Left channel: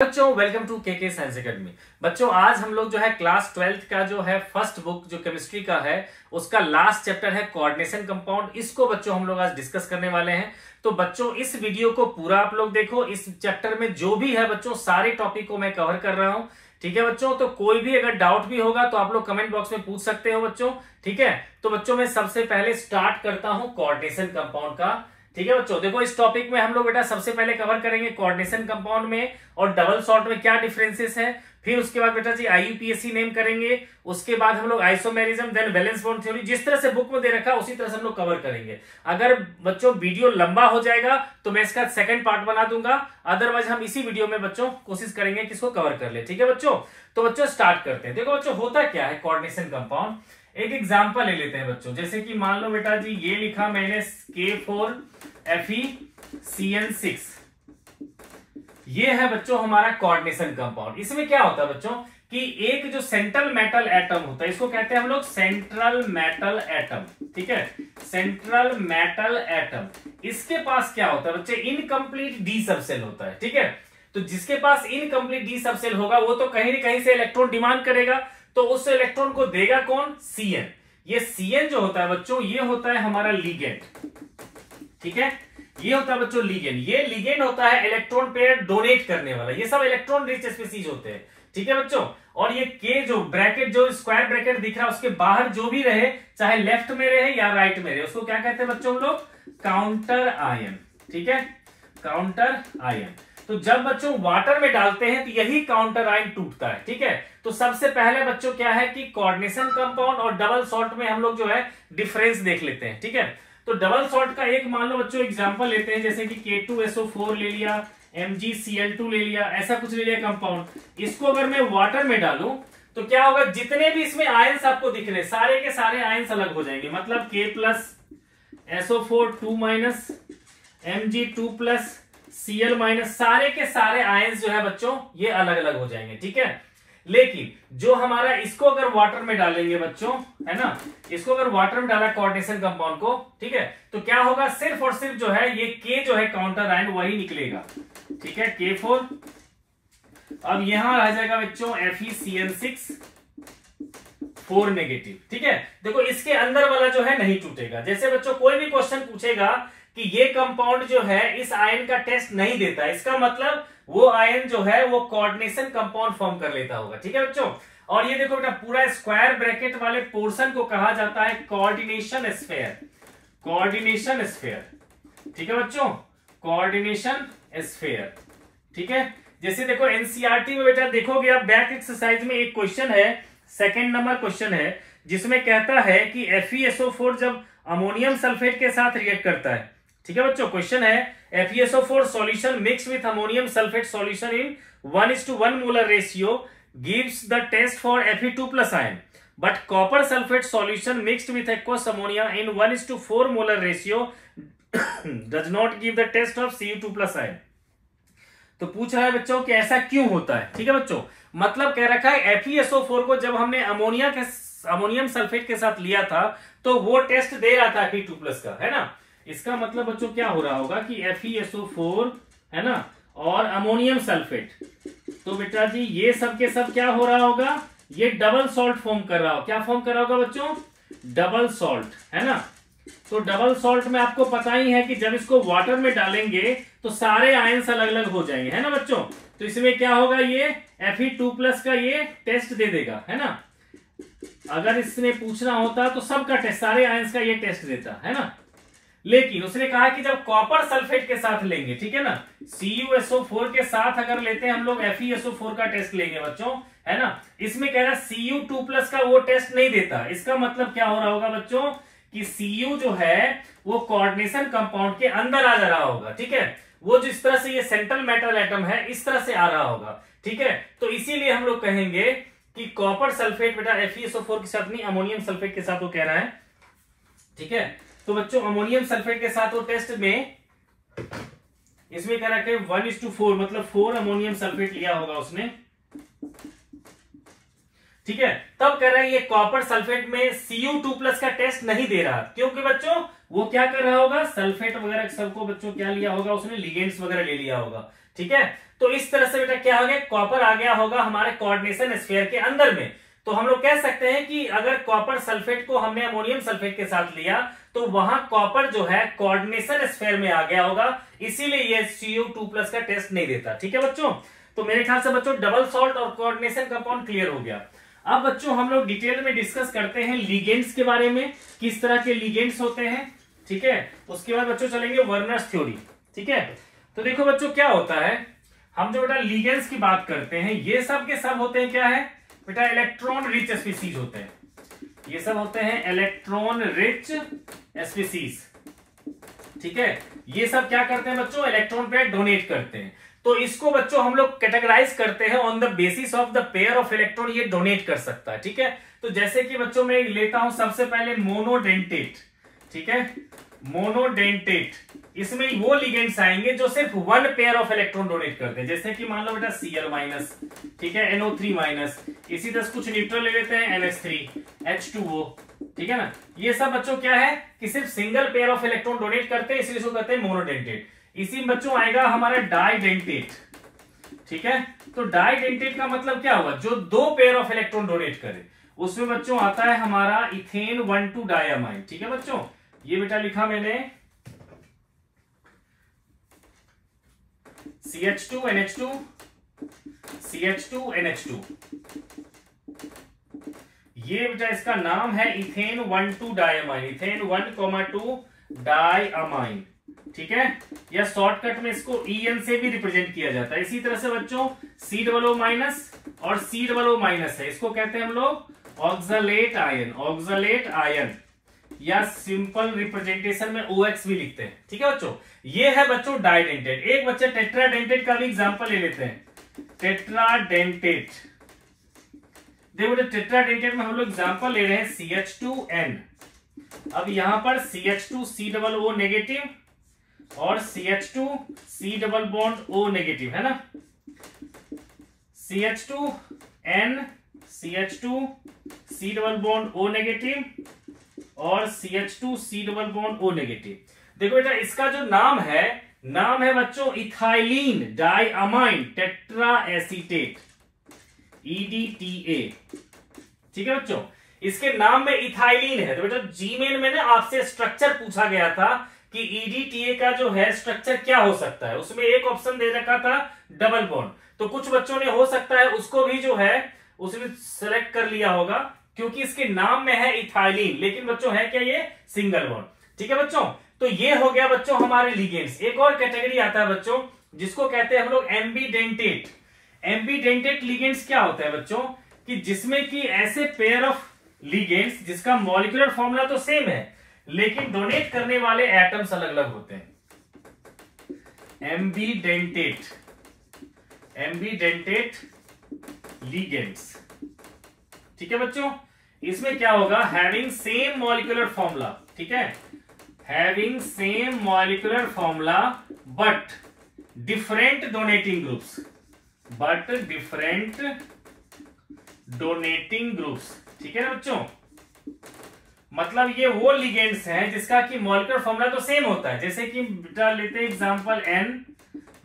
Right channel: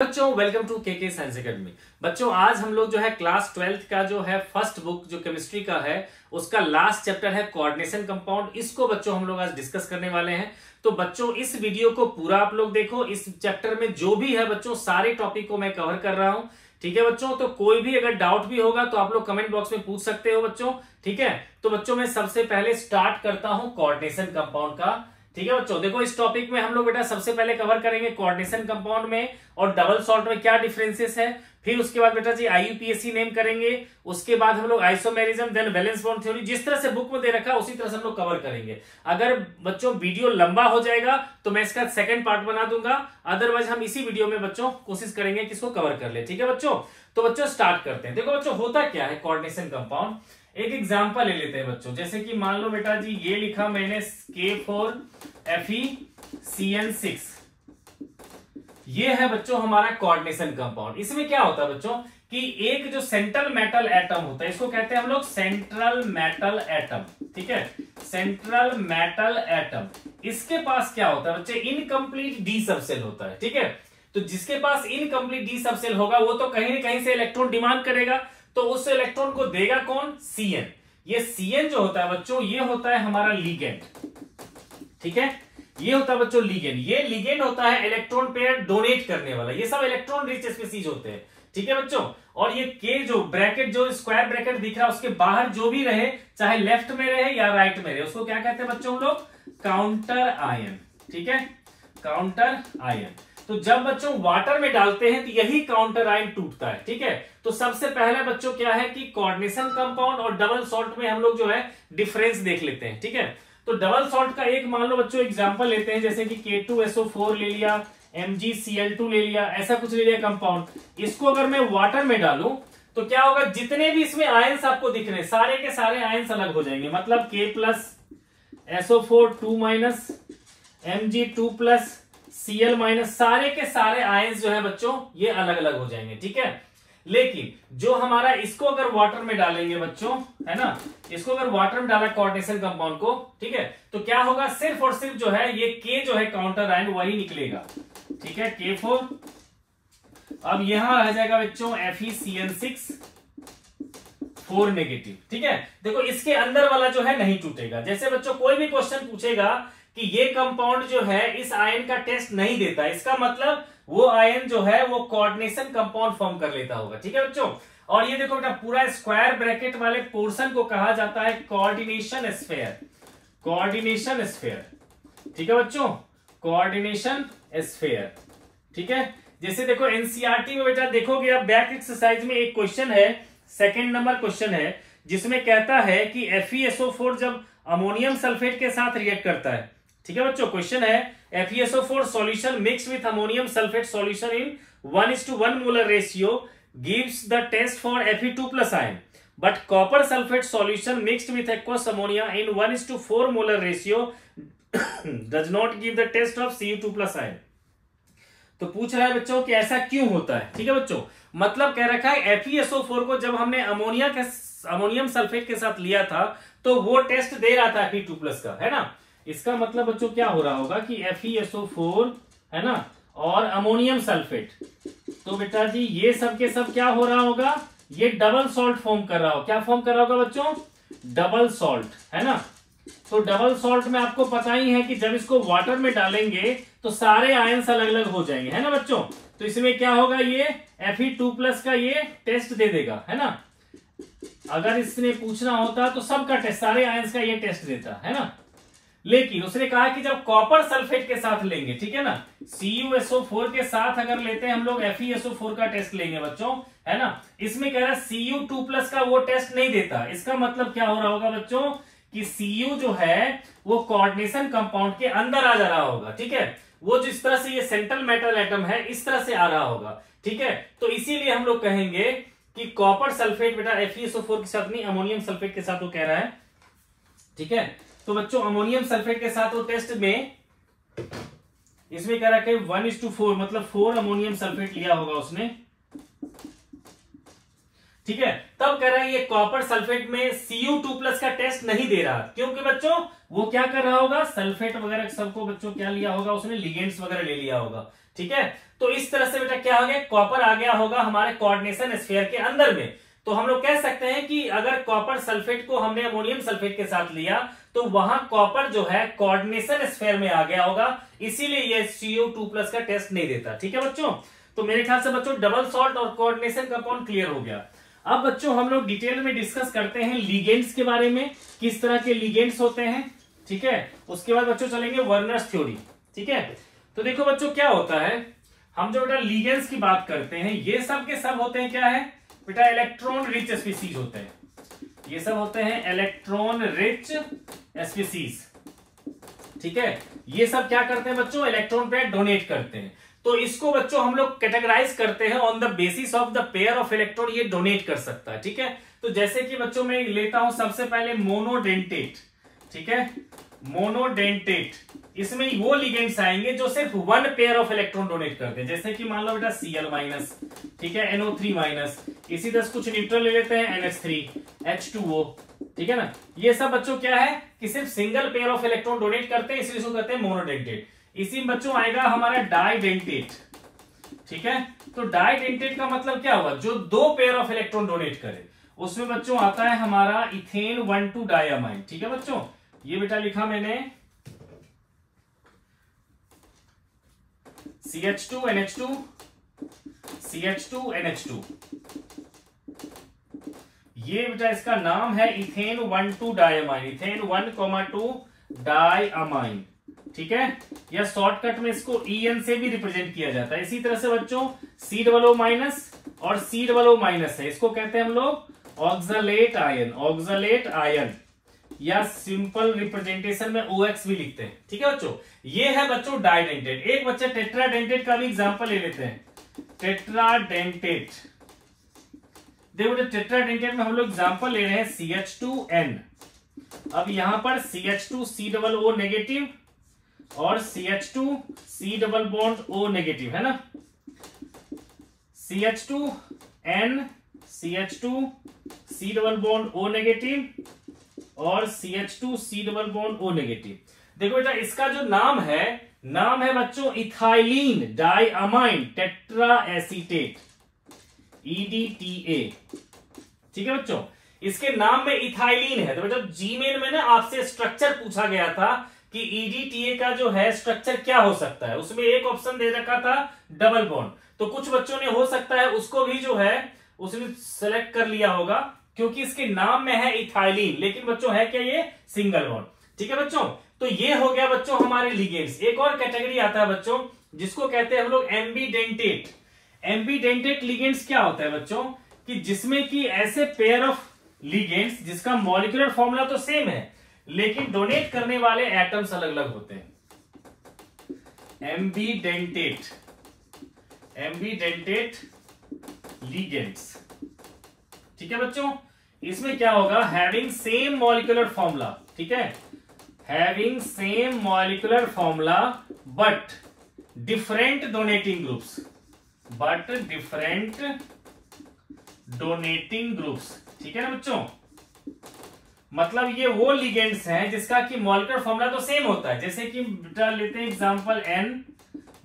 बच्चों welcome to के science academy. बच्चों आज हम लोग जो है क्लास 12th का जो है फर्स्ट बुक जो केमिस्ट्री का है उसका लास्ट चैप्टर है कोऑर्डिनेशन कंपाउंड। इसको बच्चों हम लोग आज डिस्कस करने वाले हैं। तो बच्चों इस वीडियो को पूरा आप लोग देखो। इस चैप्टर में जो भी है बच्चों सारे टॉपिक को मैं कवर कर रहा हूं। ठीक है बच्चों, तो कोई भी अगर डाउट भी होगा तो आप लोग कमेंट बॉक्स में पूछ सकते हो बच्चों। ठीक है, तो बच्चों मैं सबसे पहले स्टार्ट करता हूं कोऑर्डिनेशन कंपाउंड का। ठीक है बच्चों, देखो इस टॉपिक में हम लोग बेटा सबसे पहले कवर करेंगे कोऑर्डिनेशन कंपाउंड में और डबल सॉल्ट में क्या डिफरेंसेस है। फिर उसके बाद बेटा जी आईयूपीएसी नेम करेंगे। उसके बाद हम लोग isomerism, then valence bond theory, जिस तरह से बुक में दे रखा है उसी तरह से हम लोग कवर करेंगे। अगर बच्चों वीडियो लंबा हो जाएगा तो मैं इसका सेकंड पार्ट बना दूंगा, अदरवाइज हम इसी वीडियो में बच्चों कोशिश करेंगे कि इसको कवर कर ले। ठीक है बच्चों, तो बच्चों स्टार्ट करते हैं। देखो बच्चों होता क्या है कोऑर्डिनेशन कंपाउंड, एक एग्जांपल ले लेते हैं बच्चों। जैसे कि मान लो बेटा जी ये लिखा मैंने K4FeCN6, ये है बच्चों हमारा कोऑर्डिनेशन कंपाउंड। इसमें क्या होता है बच्चों कि एक जो सेंट्रल मेटल एटम होता है, इसको कहते हैं हम लोग सेंट्रल मेटल एटम। ठीक है, सेंट्रल मेटल एटम, इसके पास क्या होता है बच्चे, इनकम्प्लीट डी सबसेल होता है। ठीक है, तो जिसके पास इनकम्प्लीट डी सबसेल होगा वो तो कहीं न कहीं से इलेक्ट्रॉन डिमांड करेगा, तो उस इलेक्ट्रॉन को देगा कौन, Cn। ये Cn जो होता है बच्चों ये होता है हमारा लिगेंड। ठीक है, ये होता है बच्चों लिगेंड। ये लिगेंड होता है इलेक्ट्रॉन पेयर डोनेट करने वाला। ये सब इलेक्ट्रॉन रिच स्पीसीज होते हैं। ठीक है बच्चों, और ये के जो ब्रैकेट, जो स्क्वायर ब्रैकेट दिख रहा है उसके बाहर जो भी रहे, चाहे लेफ्ट में रहे या राइट में रहे, उसको क्या कहते हैं बच्चों हम लोग, काउंटर आयन। ठीक है, काउंटर आयन। तो जब बच्चों वाटर में डालते हैं तो यही काउंटर आयन टूटता है। ठीक है, तो सबसे पहले बच्चों क्या है कि कोऑर्डिनेशन कंपाउंड और डबल सॉल्ट में हम लोग जो है डिफरेंस देख लेते हैं। ठीक है, तो डबल सॉल्ट का एक मान लो बच्चों एग्जांपल लेते हैं, जैसे कि K2SO4 ले लिया, MgCl2 ले लिया, ऐसा कुछ ले लिया कंपाउंड। इसको अगर मैं वाटर में डालूं तो क्या होगा, जितने भी इसमें आयंस आपको दिख रहे सारे के सारे आयंस अलग हो जाएंगे। मतलब K+SO4 2- Mg2+ Cl-, सारे के सारे आयंस जो है बच्चों ये अलग अलग हो जाएंगे। ठीक है, लेकिन जो हमारा इसको अगर वाटर में डालेंगे बच्चों, है ना, इसको अगर वाटर में डाला कोऑर्डिनेशन कंपाउंड को, ठीक है, तो क्या होगा, सिर्फ और सिर्फ जो है ये K जो है काउंटर आयन वही निकलेगा। ठीक है, K4। अब यहां रह जाएगा बच्चों FeCN6 4 नेगेटिव। ठीक है, देखो इसके अंदर वाला जो है नहीं टूटेगा। जैसे बच्चों कोई भी क्वेश्चन पूछेगा कि ये कंपाउंड जो है इस आयन का टेस्ट नहीं देता, इसका मतलब वो आयन जो है वो कोऑर्डिनेशन कंपाउंड फॉर्म कर लेता होगा। ठीक है बच्चों, और ये देखो बेटा पूरा स्क्वायर ब्रैकेट वाले पोर्शन को कहा जाता है कोऑर्डिनेशन स्फीयर। कोऑर्डिनेशन स्फीयर, ठीक है बच्चों, कोऑर्डिनेशन स्फीयर। ठीक है, जैसे देखो एनसीईआरटी में बेटा देखोगे आप बैक एक्सरसाइज में एक क्वेश्चन है, सेकेंड नंबर क्वेश्चन है, जिसमें कहता है कि FeSO4 जब अमोनियम सल्फेट के साथ रिएक्ट करता है। ठीक है बच्चों, क्वेश्चन है FeSO4 solution mixed with ammonium sulfate solution in 1:1 molar ratio gives the test for Fe2+ ion, but copper sulfate solution mixed with aqueous ammonia in 1:4 molar ratio does not give the test of Cu2+ ion। तो पूछ रहा है बच्चों कि ऐसा क्यों होता है। ठीक है बच्चों, मतलब कह रखा है FeSO4 को जब हमने अमोनियम सल्फेट के साथ लिया था तो वो टेस्ट दे रहा था Fe2+ का, है ना। इसका मतलब बच्चों क्या हो रहा होगा कि FeSO4 है ना और अमोनियम सल्फेट, तो बेटा जी ये सब के सब क्या हो रहा होगा, ये डबल सॉल्ट फॉर्म कर रहा होगा। क्या फॉर्म कर रहा होगा बच्चों, डबल सॉल्ट, है ना। तो डबल सॉल्ट में आपको पता ही है कि जब इसको वाटर में डालेंगे तो सारे आयंस अलग अलग हो जाएंगे, है ना बच्चों। तो इसमें क्या होगा, ये Fe2+ का ये टेस्ट दे देगा, है ना। अगर इसने पूछना होता तो सबका टेस्ट, सारे आयंस का ये टेस्ट देता, है ना। लेकिन उसने कहा कि जब कॉपर सल्फेट के साथ लेंगे, ठीक है ना, CuSO4 के साथ अगर लेते हैं हम लोग FeSO4 का टेस्ट लेंगे बच्चों, है ना, इसमें कह रहा है Cu2+ का वो टेस्ट नहीं देता। इसका मतलब क्या हो रहा होगा बच्चों कि Cu जो है वो कोऑर्डिनेशन कंपाउंड के अंदर आ जा रहा होगा। ठीक है, वो जिस तरह से ये सेंट्रल मेटल एटम है इस तरह से आ रहा होगा। ठीक है, तो इसीलिए हम लोग कहेंगे कि कॉपर सल्फेट बेटा FeSO4 के साथ नहीं, अमोनियम सल्फेट के साथ वो कह रहा है। ठीक है, तो बच्चों अमोनियम सल्फेट के साथ वो टेस्ट में इसमें कह रहा है 1:4, मतलब 4 अमोनियम सल्फेट लिया होगा उसने। ठीक है, तब कह रहा है ये कॉपर सल्फेट में Cu2+ का टेस्ट नहीं दे रहा, क्योंकि बच्चों वो क्या कर रहा होगा, सल्फेट वगैरह सबको बच्चों क्या लिया होगा उसने, लिगेंड्स वगैरह ले लिया होगा। ठीक है। तो इस तरह से बेटा क्या हो गया, कॉपर आ गया होगा हमारे कोऑर्डिनेशन स्फीयर के अंदर में। तो हम लोग कह सकते हैं कि अगर कॉपर सल्फेट को हमने अमोनियम सल्फेट के साथ लिया तो वहां कॉपर जो है कोऑर्डिनेशन स्फीयर में आ गया होगा, इसीलिए ये CO2+ का टेस्ट नहीं देता। ठीक है बच्चों, तो मेरे ख्याल से बच्चों डबल सॉल्ट और कोऑर्डिनेशन कंपाउंड क्लियर हो गया। अब बच्चों हम लोग डिटेल में डिस्कस करते हैं लिगेंड्स के बारे में, किस तरह के लिगेंड्स होते हैं। ठीक है, उसके बाद बच्चों चलेंगे वर्नर्स थ्योरी। ठीक है, तो देखो बच्चों क्या होता है, हम जो बेटा लिगेंड्स की बात करते हैं ये सब के सब होते हैं क्या है बेटा, इलेक्ट्रॉन रिच स्पीसीज होते हैं। ये सब होते हैं इलेक्ट्रॉन रिच स्पीसीज। ठीक है, ये सब क्या करते हैं बच्चों, इलेक्ट्रॉन पेयर डोनेट करते हैं। तो इसको बच्चों हम लोग कैटेगराइज करते हैं on the basis of the pair of electron ये डोनेट कर सकता है। ठीक है, तो जैसे कि बच्चों मैं लेता हूं सबसे पहले मोनोडेंटेट। ठीक है, मोनोडेंटेट, इसमें वो लिगेंड्स आएंगे जो सिर्फ one pair of electron donate करते हैं, जैसे कि मान लो बेटा Cl-, ठीक है, NO3-, इसी तरह कुछ न्यूट्रल ले लेते हैं NH3, H2O। ठीक है ना, ये सब बच्चों क्या है कि सिर्फ single pair of electron donate करते हैं, इसलिए इसको कहते हैं मोनोडेंटेट। इसी में बच्चों आएगा हमारा डाइडेंटेट। ठीक है, तो डाइडेंटेट का मतलब क्या हुआ, जो दो पेयर ऑफ इलेक्ट्रॉन डोनेट करे। उसमें बच्चों आता है हमारा इथेन 1,2-डायमाइन। ठीक है बच्चों, ये बेटा लिखा मैंने CH2NH2 CH2NH2, ये बेटा इसका नाम है इथेन 1,2-डायमाइन, इथेन 1,2-डायमाइन। ठीक है, या शॉर्टकट में इसको EN से भी रिप्रेजेंट किया जाता है। इसी तरह से बच्चों C++ और C++ है, इसको कहते हैं हम लोग ऑक्सलेट आयन, ऑक्सलेट आयन, या सिंपल रिप्रेजेंटेशन में OX भी लिखते हैं। ठीक है बच्चों, ये है बच्चों डाइडेंटेट। एक बच्चे टेट्राडेंटेट का भी एग्जांपल ले लेते हैं, टेट्राडेंटेट। देखो टेट्राडेंटेट में हम लोग एग्जांपल ले रहे हैं CH2N। अब यहां पर CH2COO नेगेटिव और CH2C++ नेगेटिव है ना, CH2N CH2C++ नेगेटिव और CH2C++ नेगेटिव। देखो बेटा इसका जो नाम है बच्चों ethylene diamine tetra acetate, EDTA। ठीक है बच्चों, इसके नाम में इथाइलिन है। तो बेटा जीमेल में ना आपसे स्ट्रक्चर पूछा गया था कि EDTA का जो है स्ट्रक्चर क्या हो सकता है, उसमें एक ऑप्शन दे रखा था डबल बॉन्ड। तो कुछ बच्चों ने हो सकता है उसको भी जो है उसने सेलेक्ट कर लिया होगा, क्योंकि इसके नाम में है इथाइलिन, लेकिन बच्चों है क्या ये सिंगल बॉन्ड। ठीक है बच्चों, तो ये हो गया बच्चों हमारे लिगेंड्स। एक और कैटेगरी आता है बच्चों जिसको कहते हैं हम लोग एम्बीडेंटेट। एम्बीडेंटेट लिगेंड्स क्या होता है बच्चों, कि जिसमें कि ऐसे पेयर ऑफ लिगेंड्स जिसका मॉलिक्यूलर फॉर्मूला तो सेम है लेकिन डोनेट करने वाले एटम्स अलग अलग होते हैं। Ambidentate, ambidentate ligands. ठीक है बच्चों, इसमें क्या होगा, हैविंग सेम मॉलिक्यूलर फॉर्मूला। ठीक है, having same molecular formula but different donating groups, but different donating groups. ठीक है ना बच्चों, मतलब ये वो लिगेंड्स हैं जिसका कि मॉलिक्यूलर फॉर्मूला तो सेम होता है, जैसे कि बेटा लेते हैं example N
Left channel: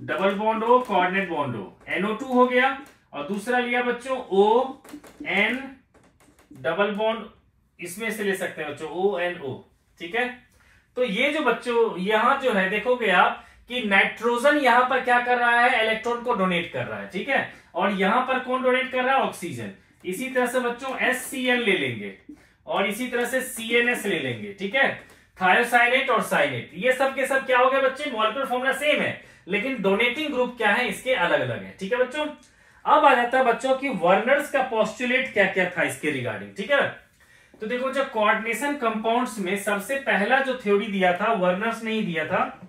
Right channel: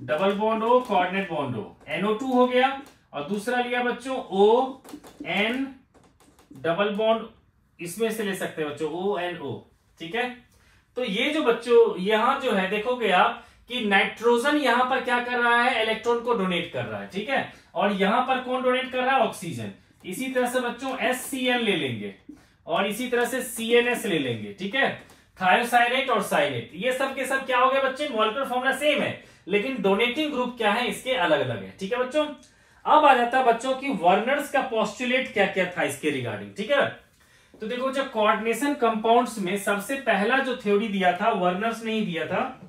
double bond O coordinate bond O, NO2 हो गया, और दूसरा लिया बच्चों ON डबल बॉन्ड, इसमें से ले सकते हैं बच्चों ONO। ठीक है, तो ये जो बच्चों यहां जो है देखोगे आप कि नाइट्रोजन यहां पर क्या कर रहा है, इलेक्ट्रॉन को डोनेट कर रहा है। ठीक है, और यहां पर कौन डोनेट कर रहा है, ऑक्सीजन। इसी तरह से बच्चों HCl ले लेंगे और इसी तरह से CNS ले लेंगे। ठीक है, थायोसाइनेट और साइनेट, ये सब के सब क्या हो गए बच्चे, मॉलिक्यूलर फॉर्मूला सेम है लेकिन डोनेटिंग ग्रुप क्या है इसके अलग अलग है। ठीक है बच्चों, अब आ जाता है बच्चों की वर्नर्स का पोस्टुलेट क्या क्या था इसके रिगार्डिंग। ठीक है, तो देखो जब कोऑर्डिनेशन कंपाउंड्स में सबसे पहला जो थ्योरी दिया था वर्नर्स ने ही दिया था।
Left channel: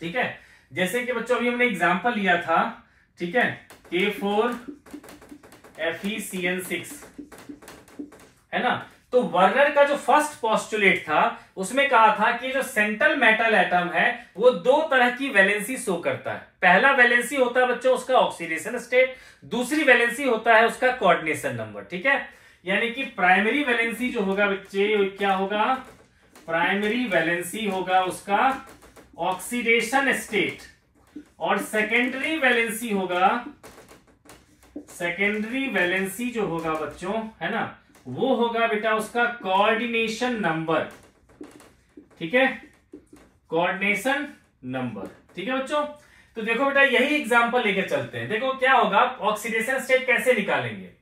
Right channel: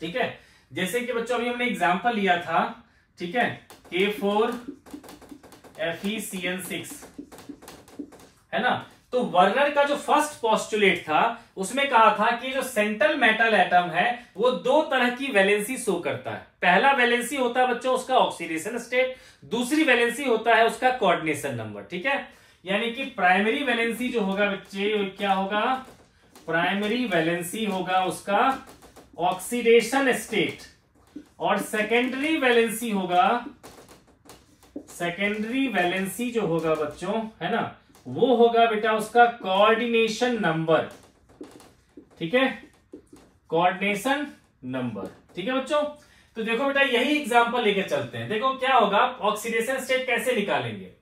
ठीक है, जैसे कि बच्चों अभी हमने एग्जांपल लिया था, ठीक है, K4FeCN6 है ना। तो वर्नर का जो फर्स्ट पोस्टुलेट था उसमें कहा था कि जो सेंट्रल मेटल एटम है वो दो तरह की वैलेंसी शो करता है। पहला वैलेंसी होता है बच्चों उसका ऑक्सीडेशन स्टेट, दूसरी वैलेंसी होता है उसका कोऑर्डिनेशन नंबर। ठीक है, यानी कि प्राइमरी वैलेंसी जो होगा बच्चे क्या होगा, प्राइमरी वैलेंसी होगा उसका ऑक्सीडेशन स्टेट, और सेकेंडरी वैलेंसी होगा, सेकेंडरी वैलेंसी जो होगा बच्चों, है ना, वो होगा बेटा उसका कोऑर्डिनेशन नंबर। ठीक है, कोऑर्डिनेशन नंबर। ठीक है बच्चों, तो देखो बेटा यही एग्जांपल लेके चलते हैं। देखो क्या होगा, ऑक्सीडेशन स्टेट कैसे निकालेंगे।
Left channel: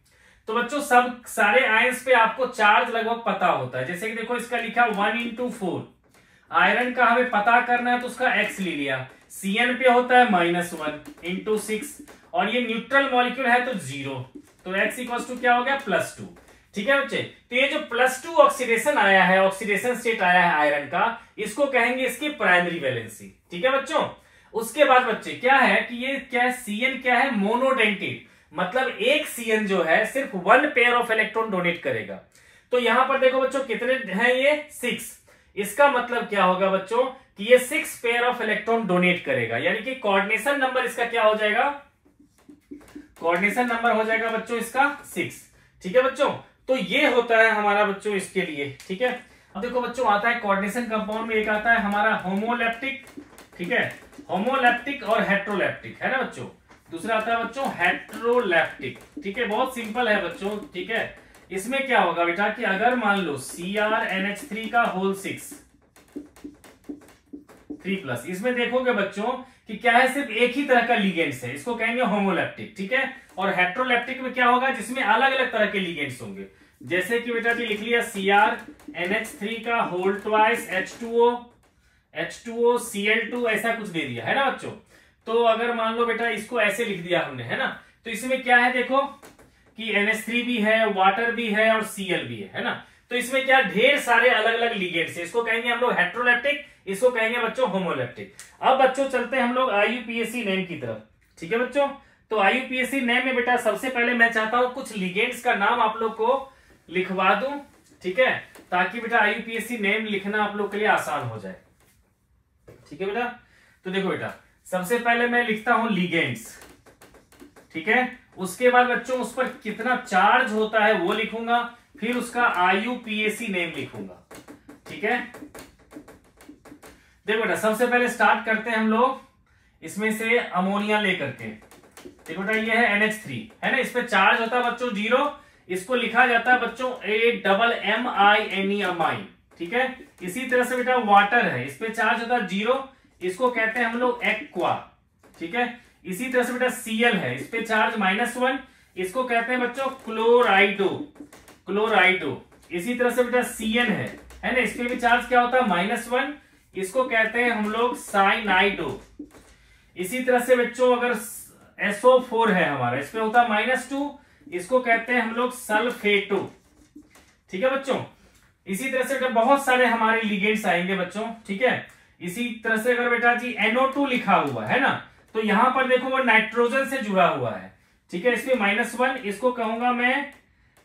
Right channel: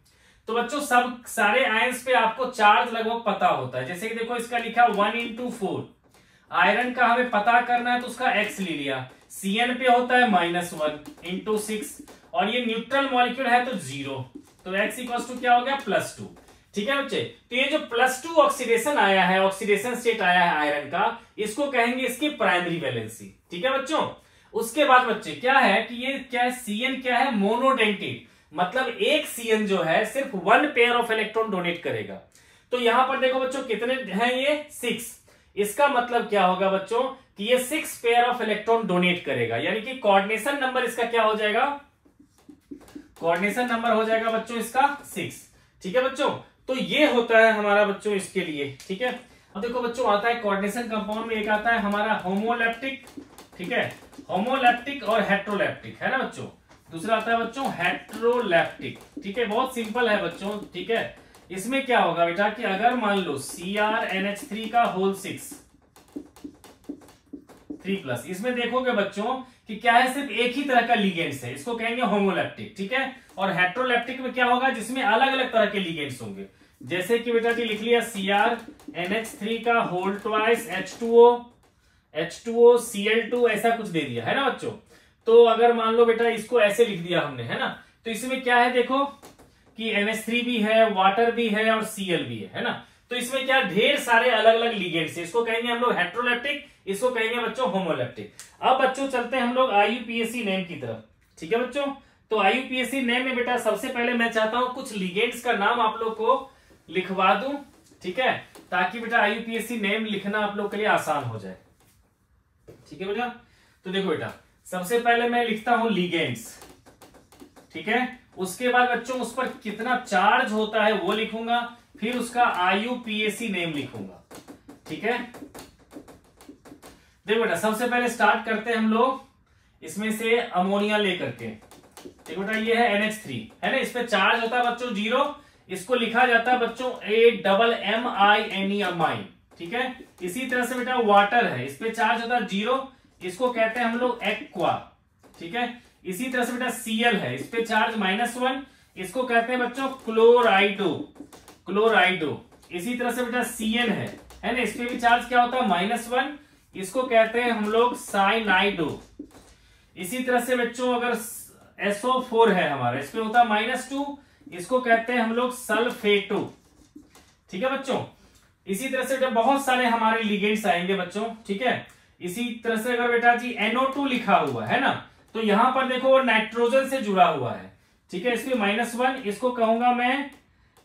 तो बच्चों सब सारे आयंस पे आपको चार्ज लगभग पता होता है। जैसे कि देखो इसका लिखा 1/4, आयरन का हमें पता करना है तो उसका x ले लिया। Cn पे होता है -1/6, और ये न्यूट्रल मॉलिक्यूल है तो 0, तो x इक्वल टू क्या हो गया +2। ठीक है बच्चे, तो ये जो +2 ऑक्सीडेशन आया है, ऑक्सीडेशन स्टेट आया है आयरन का, इसको कहेंगे इसकी प्राइमरी वैलेंसी। ठीक है बच्चों, उसके बाद बच्चे क्या है कि ये क्या है, Cn क्या है, मोनोडेंटेड, मतलब एक Cn जो है सिर्फ 1 पेयर ऑफ इलेक्ट्रॉन डोनेट करेगा। तो यहां पर देखो बच्चों कितने हैं, ये 6। इसका मतलब क्या होगा बच्चों कि ये 6 पेयर ऑफ इलेक्ट्रॉन डोनेट करेगा, यानी कि कोऑर्डिनेशन नंबर इसका क्या हो जाएगा, कोऑर्डिनेशन नंबर हो जाएगा बच्चों इसका 6। ठीक है बच्चों, तो ये होता है हमारा बच्चों इसके लिए। ठीक है, अब देखो बच्चों आता है कोऑर्डिनेशन कंपाउंड में, एक आता है हमारा होमोलैप्टिक। ठीक है, होमोलैप्टिक और हेट्रोलैप्टिक, है ना बच्चों। दूसरा आता है बच्चों हेट्रोलैप्टिक। ठीक है, बहुत सिंपल है बच्चों। ठीक है, इसमें क्या होगा बेटा कि अगर मान लो CrNH3 का होल 6 3+, इसमें देखोगे बच्चों कि क्या है, सिर्फ एक ही तरह का लिगेंड्स है, इसको कहेंगे होमोलैप्टिक। ठीक है, और हेट्रोलैप्टिक में क्या होगा, जिसमें अलग अलग तरह के लिगेंड्स होंगे। जैसे कि बेटा जी लिख लिया CrNH3 का होल ट्वाइस H2O Cl2, ऐसा कुछ दे दिया है ना बच्चों। तो अगर मान लो बेटा इसको ऐसे लिख दिया हमने, है ना, तो इसमें क्या है देखो कि NH3 भी है, वाटर भी है और Cl भी है ना। तो इसमें क्या ढेर सारे अलग अलग लिगेंड्स है, इसको कहेंगे हम लोग हेट्रोलैप्टिक, इसको कहेंगे बच्चों होमोलैप्टिक। अब बच्चों चलते हैं हम लोग IUPAC नेम की तरफ। ठीक है बच्चों, तो IUPAC नेम में बेटा सबसे पहले मैं चाहता हूं कुछ लिगेंड्स का नाम आप लोग को लिखवा दूं। ठीक है, ताकि बेटा IUPAC नेम लिखना आप लोग के लिए आसान हो जाए। ठीक है बेटा, तो देखो बेटा सबसे पहले मैं लिखता हूं लिगेंड्स। ठीक है, उसके बाद बच्चों उस पर कितना चार्ज होता है वो लिखूंगा, फिर उसका IUPAC नेम लिखूंगा। ठीक है, देखो बेटा सबसे पहले स्टार्ट करते हैं हम लोग इसमें से अमोनिया लेकर के। देखो बेटा ये है NH3, है ना, इस पे चार्ज होता है बच्चों 0, इसको लिखा जाता है बच्चों AMMINE अमाइन। ठीक है, इसी तरह से बेटा वाटर है, इस पे चार्ज होता है 0, इसको कहते हैं हम लोग एक्वा। ठीक है, इसी तरह से बेटा Cl है, इस पे चार्ज -1, इसको कहते हैं बच्चों क्लोराइडो, क्लोराइडो। इसी तरह से बेटा Cn है ना, इस पे भी चार्ज क्या होता है -1, इसको कहते हैं हम लोग साइनाइडो। इसी तरह से बच्चों अगर SO4 है हमारा, इस पे होता है -2, इसको कहते हैं हम लोग सल्फेटो। ठीक है बच्चों, इसी तरह से बेटा बहुत सारे हमारे लिगेंड्स आएंगे बच्चों। ठीक है, इसी तरह से अगर बेटा जी NO2 लिखा हुआ है ना, तो यहां पर देखो वो नाइट्रोजन से जुड़ा हुआ है। ठीक है, इसमें -1, इसको कहूंगा मैं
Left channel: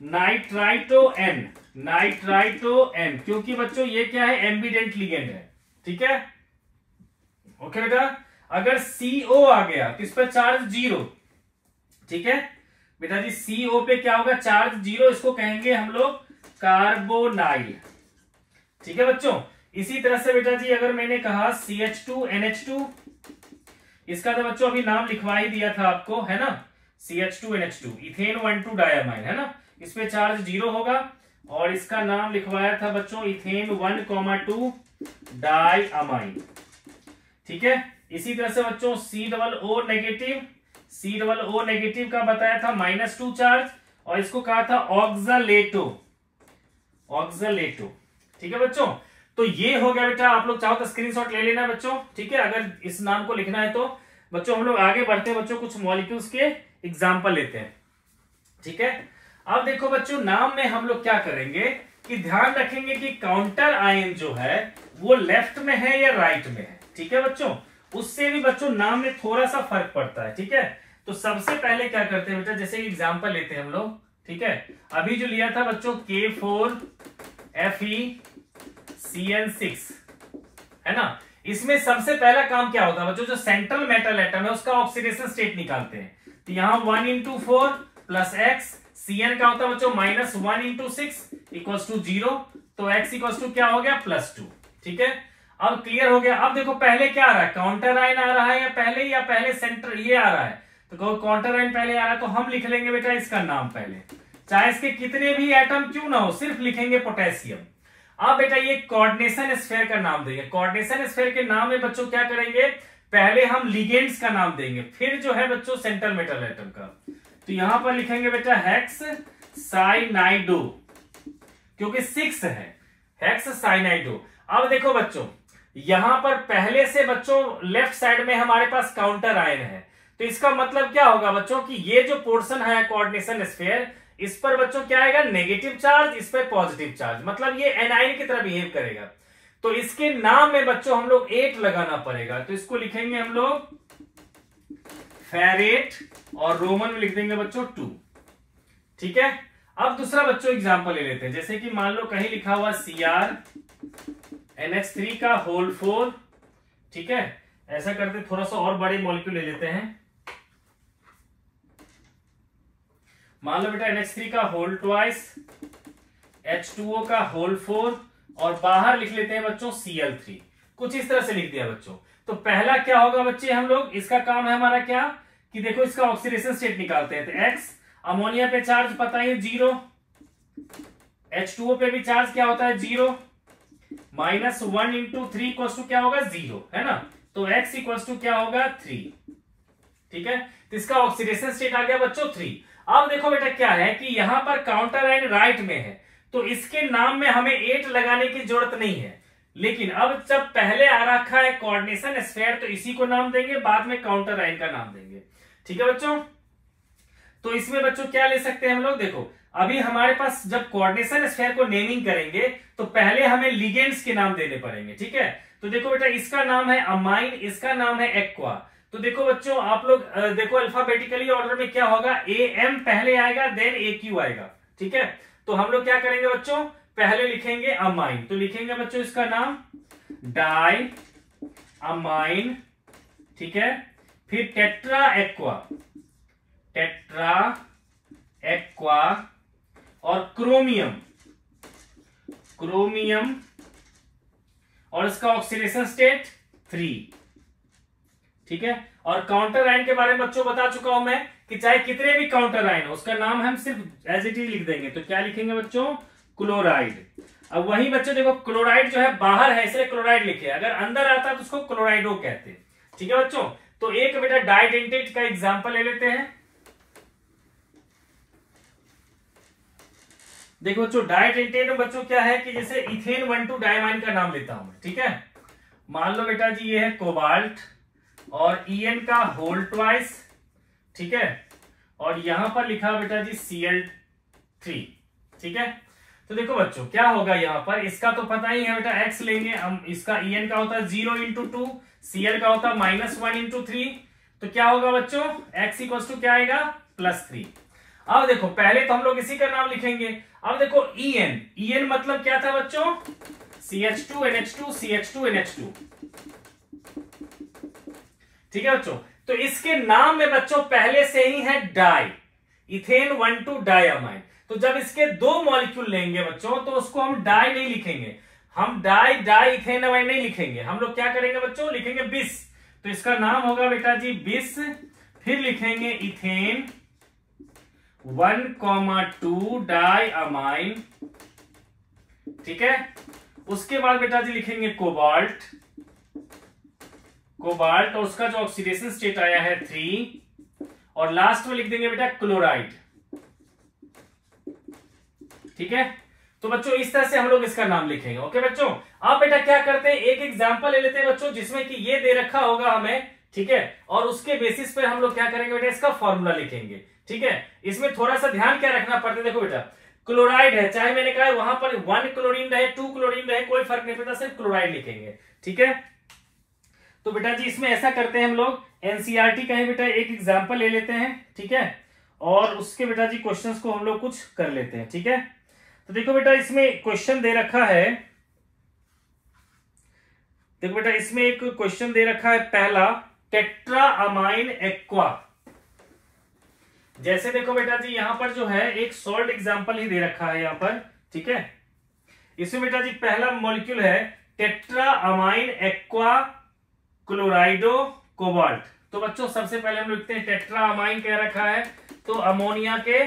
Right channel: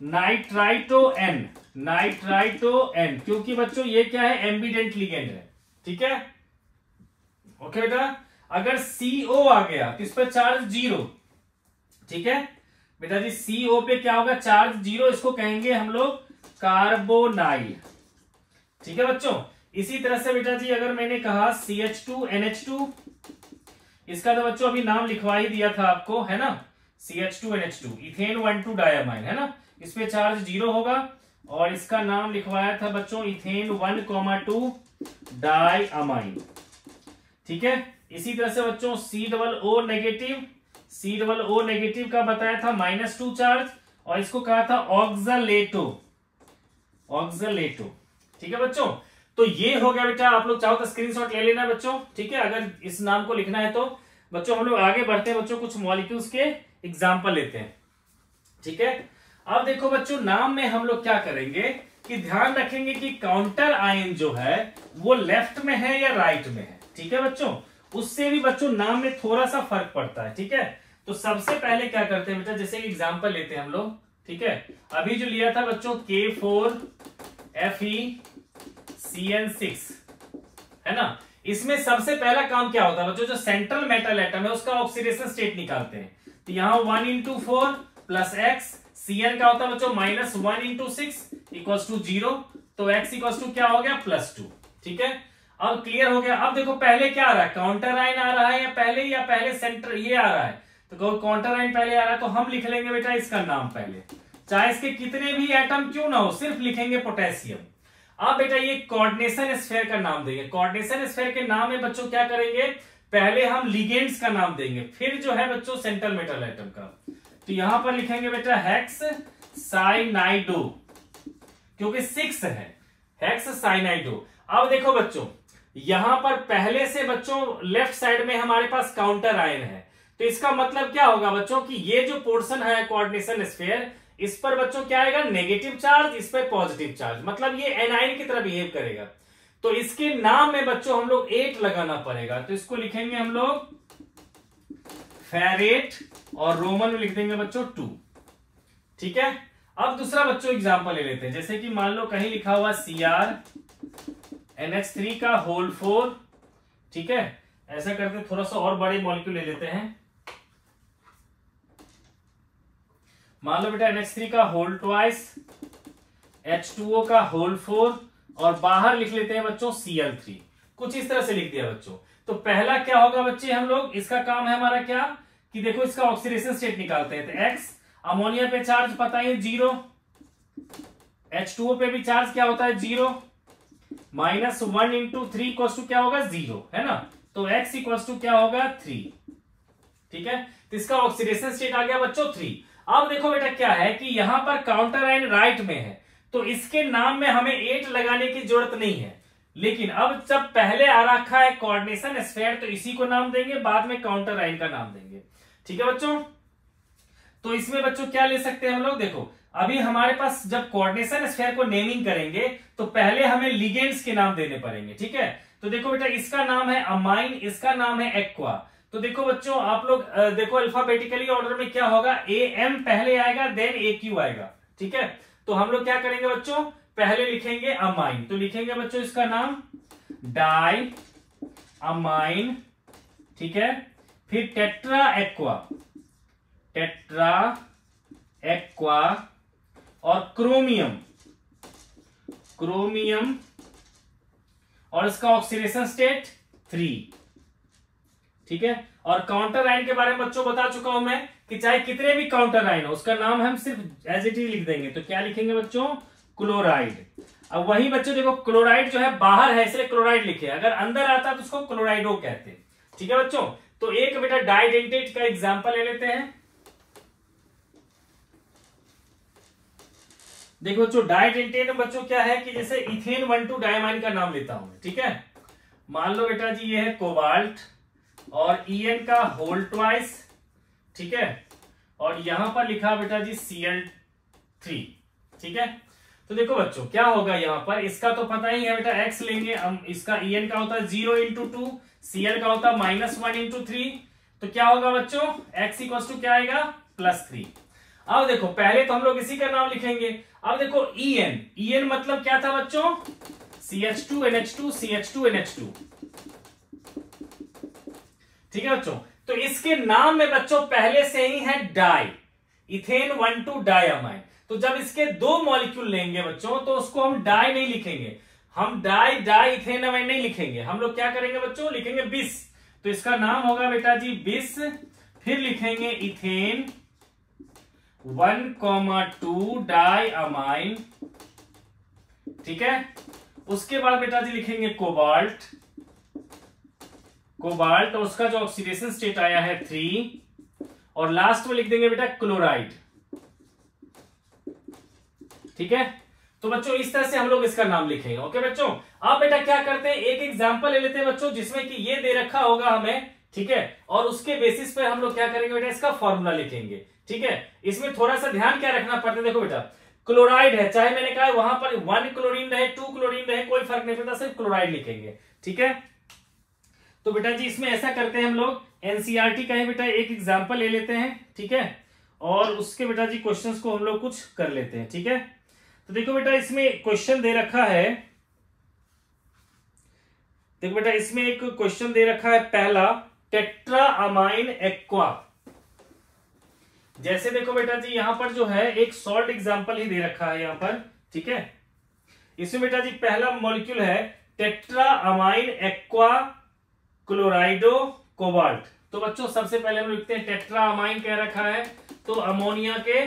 नाइट्राइटो N, नाइट्राइटो N, क्योंकि बच्चों ये क्या है, एम्बिडेंट लिगेंड है। ठीक है, ओके बेटा, अगर CO आ गया तो इस पर चार्ज 0। ठीक है बेटा जी, CO पे क्या होगा, चार्ज 0, इसको कहेंगे हम लोग कार्बोनाइल। ठीक है बच्चों, इसी तरह से बेटा जी अगर मैंने कहा CH2NH2, इसका तो बच्चों अभी नाम लिखवा ही दिया था आपको, है ना, CH2NH2 इथेन 1,2 डायमाइन, है ना, इस पे चार्ज 0 होगा, और इसका नाम लिखवाया था बच्चों इथेन 1,2 डायमाइन। ठीक है, इसी तरह से बच्चों COO नेगेटिव, COO नेगेटिव का बताया था -2 चार्ज, और इसको कहा था ऑक्सालेटो, ऑक्सालेटो। ठीक है बच्चों, तो ये हो गया बेटा, आप लोग चाहो तो स्क्रीनशॉट ले लेना बच्चों। ठीक है, अगर इस नाम को लिखना है तो बच्चों हम लोग आगे बढ़ते हैं बच्चों, कुछ मॉलिक्यूल्स के एग्जांपल लेते हैं। ठीक है, अब देखो बच्चों नाम में हम लोग क्या करेंगे कि ध्यान रखेंगे कि काउंटर आयन जो है वो लेफ्ट में है या राइट में है। ठीक है बच्चों, उससे भी बच्चों नाम में थोड़ा सा फर्क पड़ता है। ठीक है, तो सबसे पहले क्या करते हैं बेटा, जैसे एग्जांपल लेते हैं हम लोग। ठीक है, अभी जो लिया था बच्चों K4FeCN6, है ना, इसमें सबसे पहला काम क्या होता है बच्चों, जो सेंट्रल मेटल एटम है उसका ऑक्सीडेशन स्टेट निकालते हैं। तो यहां 1/4 प्लस x, Cn का होता है बच्चों -1/6 = 0, तो x = क्या हो गया +2। ठीक है, अब क्लियर हो गया। अब देखो पहले क्या आ रहा है, काउंटर आयन आ रहा है या पहले सेंटर ये आ रहा है, तो काउंटर आयन पहले आ रहा है, तो हम लिख लेंगे बेटा इसका नाम पहले, चाहे इसके कितने भी एटम क्यों ना हो, सिर्फ लिखेंगे पोटेशियम। अब बेटा ये कोऑर्डिनेशन स्फीयर का नाम देंगे। कोऑर्डिनेशन स्फीयर के नाम में बच्चों क्या करेंगे, पहले हम लिगेंड्स का नाम देंगे, फिर जो है बच्चों सेंट्रल मेटल एटम का। तो यहां पर लिखेंगे बेटा हेक्स साइनाइडो, क्योंकि 6 है, हेक्स साइनाइडो। अब देखो बच्चों यहां पर पहले से बच्चों लेफ्ट साइड में हमारे पास काउंटर आयन है, तो इसका मतलब क्या होगा बच्चों कि ये जो पोर्शन है कोऑर्डिनेशन स्फीयर, इस पर बच्चों क्या आएगा, नेगेटिव चार्ज, इस पर पॉजिटिव चार्ज, मतलब ये एनाइन की तरह बिहेव करेगा। तो इसके नाम में बच्चों हम लोग 8 लगाना पड़ेगा, तो इसको लिखेंगे हम लोग फेरेट, और रोमन में लिख देंगे बच्चों 2। ठीक है। अब दूसरा बच्चों एग्जांपल ले लेते हैं, जैसे कि मान लो कहीं लिखा हुआ CrNH3 का होल 4। ठीक है, ऐसा करते थोड़ा सा और बड़ी मॉलिक्यूल ले लेते हैं। मान लो बेटा NH3 का होल ट्वाइस, H2O का होल 4, और बाहर लिख लेते हैं बच्चों Cl3। कुछ इस तरह से लिख दिया बच्चों। तो पहला क्या होगा बच्चे, हम लोग इसका काम है हमारा क्या, कि देखो इसका ऑक्सीडेशन स्टेट निकालते हैं। तो X अमोनिया पे चार्ज पता है 0, H2O पे भी चार्ज क्या होता है 0, -1 इंटू 3 इक्वल टू क्या होगा 0, है ना। तो X इक्वल टू क्या होगा 3। ठीक है, तो इसका ऑक्सीडेशन स्टेट आ गया बच्चों 3। अब देखो बेटा क्या है कि यहां पर काउंटर आयन राइट में है, तो इसके नाम में हमें 8 लगाने की जरूरत नहीं है। लेकिन अब जब पहले आ रखा है कोऑर्डिनेशन स्फीयर, तो इसी को नाम देंगे, बाद में काउंटर आयन का नाम देंगे। ठीक है बच्चों, तो इसमें बच्चों क्या ले सकते हैं हम लोग, देखो अभी हमारे पास जब कोऑर्डिनेशन स्फीयर को नेमिंग करेंगे तो पहले हमें लिगेंड्स के नाम देने पड़ेंगे। ठीक है, तो देखो बेटा इसका नाम है अमाइन, इसका नाम है एक्वा। तो देखो बच्चों आप लोग देखो अल्फाबेटिकली ऑर्डर में क्या होगा, AM पहले आएगा, देन AQ आएगा। ठीक है, तो हम लोग क्या करेंगे बच्चों, पहले लिखेंगे अमाइन, तो लिखेंगे बच्चों इसका नाम डाई अमाइन। ठीक है, फिर टेट्रा एक्वा, टेट्रा एक्वा, और क्रोमियम, क्रोमियम, और इसका ऑक्सीडेशन स्टेट 3। ठीक है, और काउंटर आयन के बारे में बच्चों बता चुका हूं मैं कि चाहे कितने भी काउंटर आयन हो उसका नाम हम सिर्फ एज इट इज लिख देंगे। तो क्या लिखेंगे बच्चों, क्लोराइड। अब वही बच्चों देखो क्लोराइड जो है बाहर है इसलिए क्लोराइड लिखे, अगर अंदर आता तो उसको क्लोराइडो कहते हैं। ठीक है बच्चों, तो एक बेटा डाइडेंटेट का एग्जांपल ले लेते हैं। देखो बच्चों डाइडेंटेट में बच्चों क्या है कि जैसे इथेन 1,2 डायमाइन का नाम लेता हूं मैं। ठीक है, मान लो बेटा जी ये है कोबाल्ट, और En का होल ट्वाइस। ठीक है, और यहां पर लिखा बेटा जी Cl3। ठीक है, तो देखो बच्चों क्या होगा यहां पर, इसका तो पता ही है बेटा, X लेंगे हम, इसका En का होता है 0 इंटू 2, Cl का होता है -1 इंटू 3, तो क्या होगा बच्चों X इक्वल टू क्या आएगा +3। अब देखो पहले तो हम लोग इसी का नाम लिखेंगे। अब देखो En मतलब क्या था बच्चों, CH2NH2 CH2NH2। ठीक है बच्चों, तो इसके नाम में बच्चों पहले से ही है डाई, इथेन 1,2 डायमाइन। तो जब इसके 2 मॉलिक्यूल लेंगे बच्चों तो उसको हम डाई नहीं लिखेंगे, हम डाई इथेनामाइन नहीं लिखेंगे, हम लोग क्या करेंगे बच्चों, लिखेंगे बिस। तो इसका नाम होगा बेटा जी बिस। फिर लिखेंगे इथेन 1,2 डायमाइन। ठीक है, उसके बाद बेटा जी लिखेंगे कोबाल्ट, कोबाल्ट, और उसका जो ऑक्सीडेशन स्टेट आया है 3, और लास्ट में लिख देंगे बेटा क्लोराइड। ठीक है, तो बच्चों इस तरह से हम लोग इसका नाम लिखेंगे। ओके बच्चों, अब बेटा क्या करते हैं, एक एग्जांपल ले लेते हैं बच्चों जिसमें कि ये दे रखा होगा हमें। ठीक है, और उसके बेसिस पर हम लोग क्या करेंगे बेटा, इसका फॉर्मूला लिखेंगे। ठीक है, इसमें थोड़ा सा ध्यान क्या रखना पड़ता है, देखो बेटा क्लोराइड है, चाहे मैंने कहा वहां पर 1 क्लोरीन रहे 2 क्लोरीन रहे कोई फर्क नहीं पड़ता, सिर्फ क्लोराइड लिखेंगे। ठीक है, तो बेटा जी इसमें ऐसा करते हैं हम लोग, एनसीईआरटी का है बेटा, एक एग्जांपल ले लेते हैं। ठीक है, और उसके बेटा जी क्वेश्चंस को हम लोग कुछ कर लेते हैं। ठीक है, तो देखो बेटा इसमें क्वेश्चन दे रखा है, देखो बेटा इसमें एक क्वेश्चन दे रखा है पहला, टेट्रा अमाइन एक्वा। जैसे देखो बेटा जी यहां पर जो है एक सॉल्ट एग्जांपल ही दे रखा है यहां पर। ठीक है, इसमें बेटा जी पहला मॉलिक्यूल है टेट्रा अमाइन एक्वा क्लोराइडो कोबाल्ट। तो बच्चों सबसे पहले हम लिखते हैं टेट्रा अमाइन कह रखा है तो अमोनिया के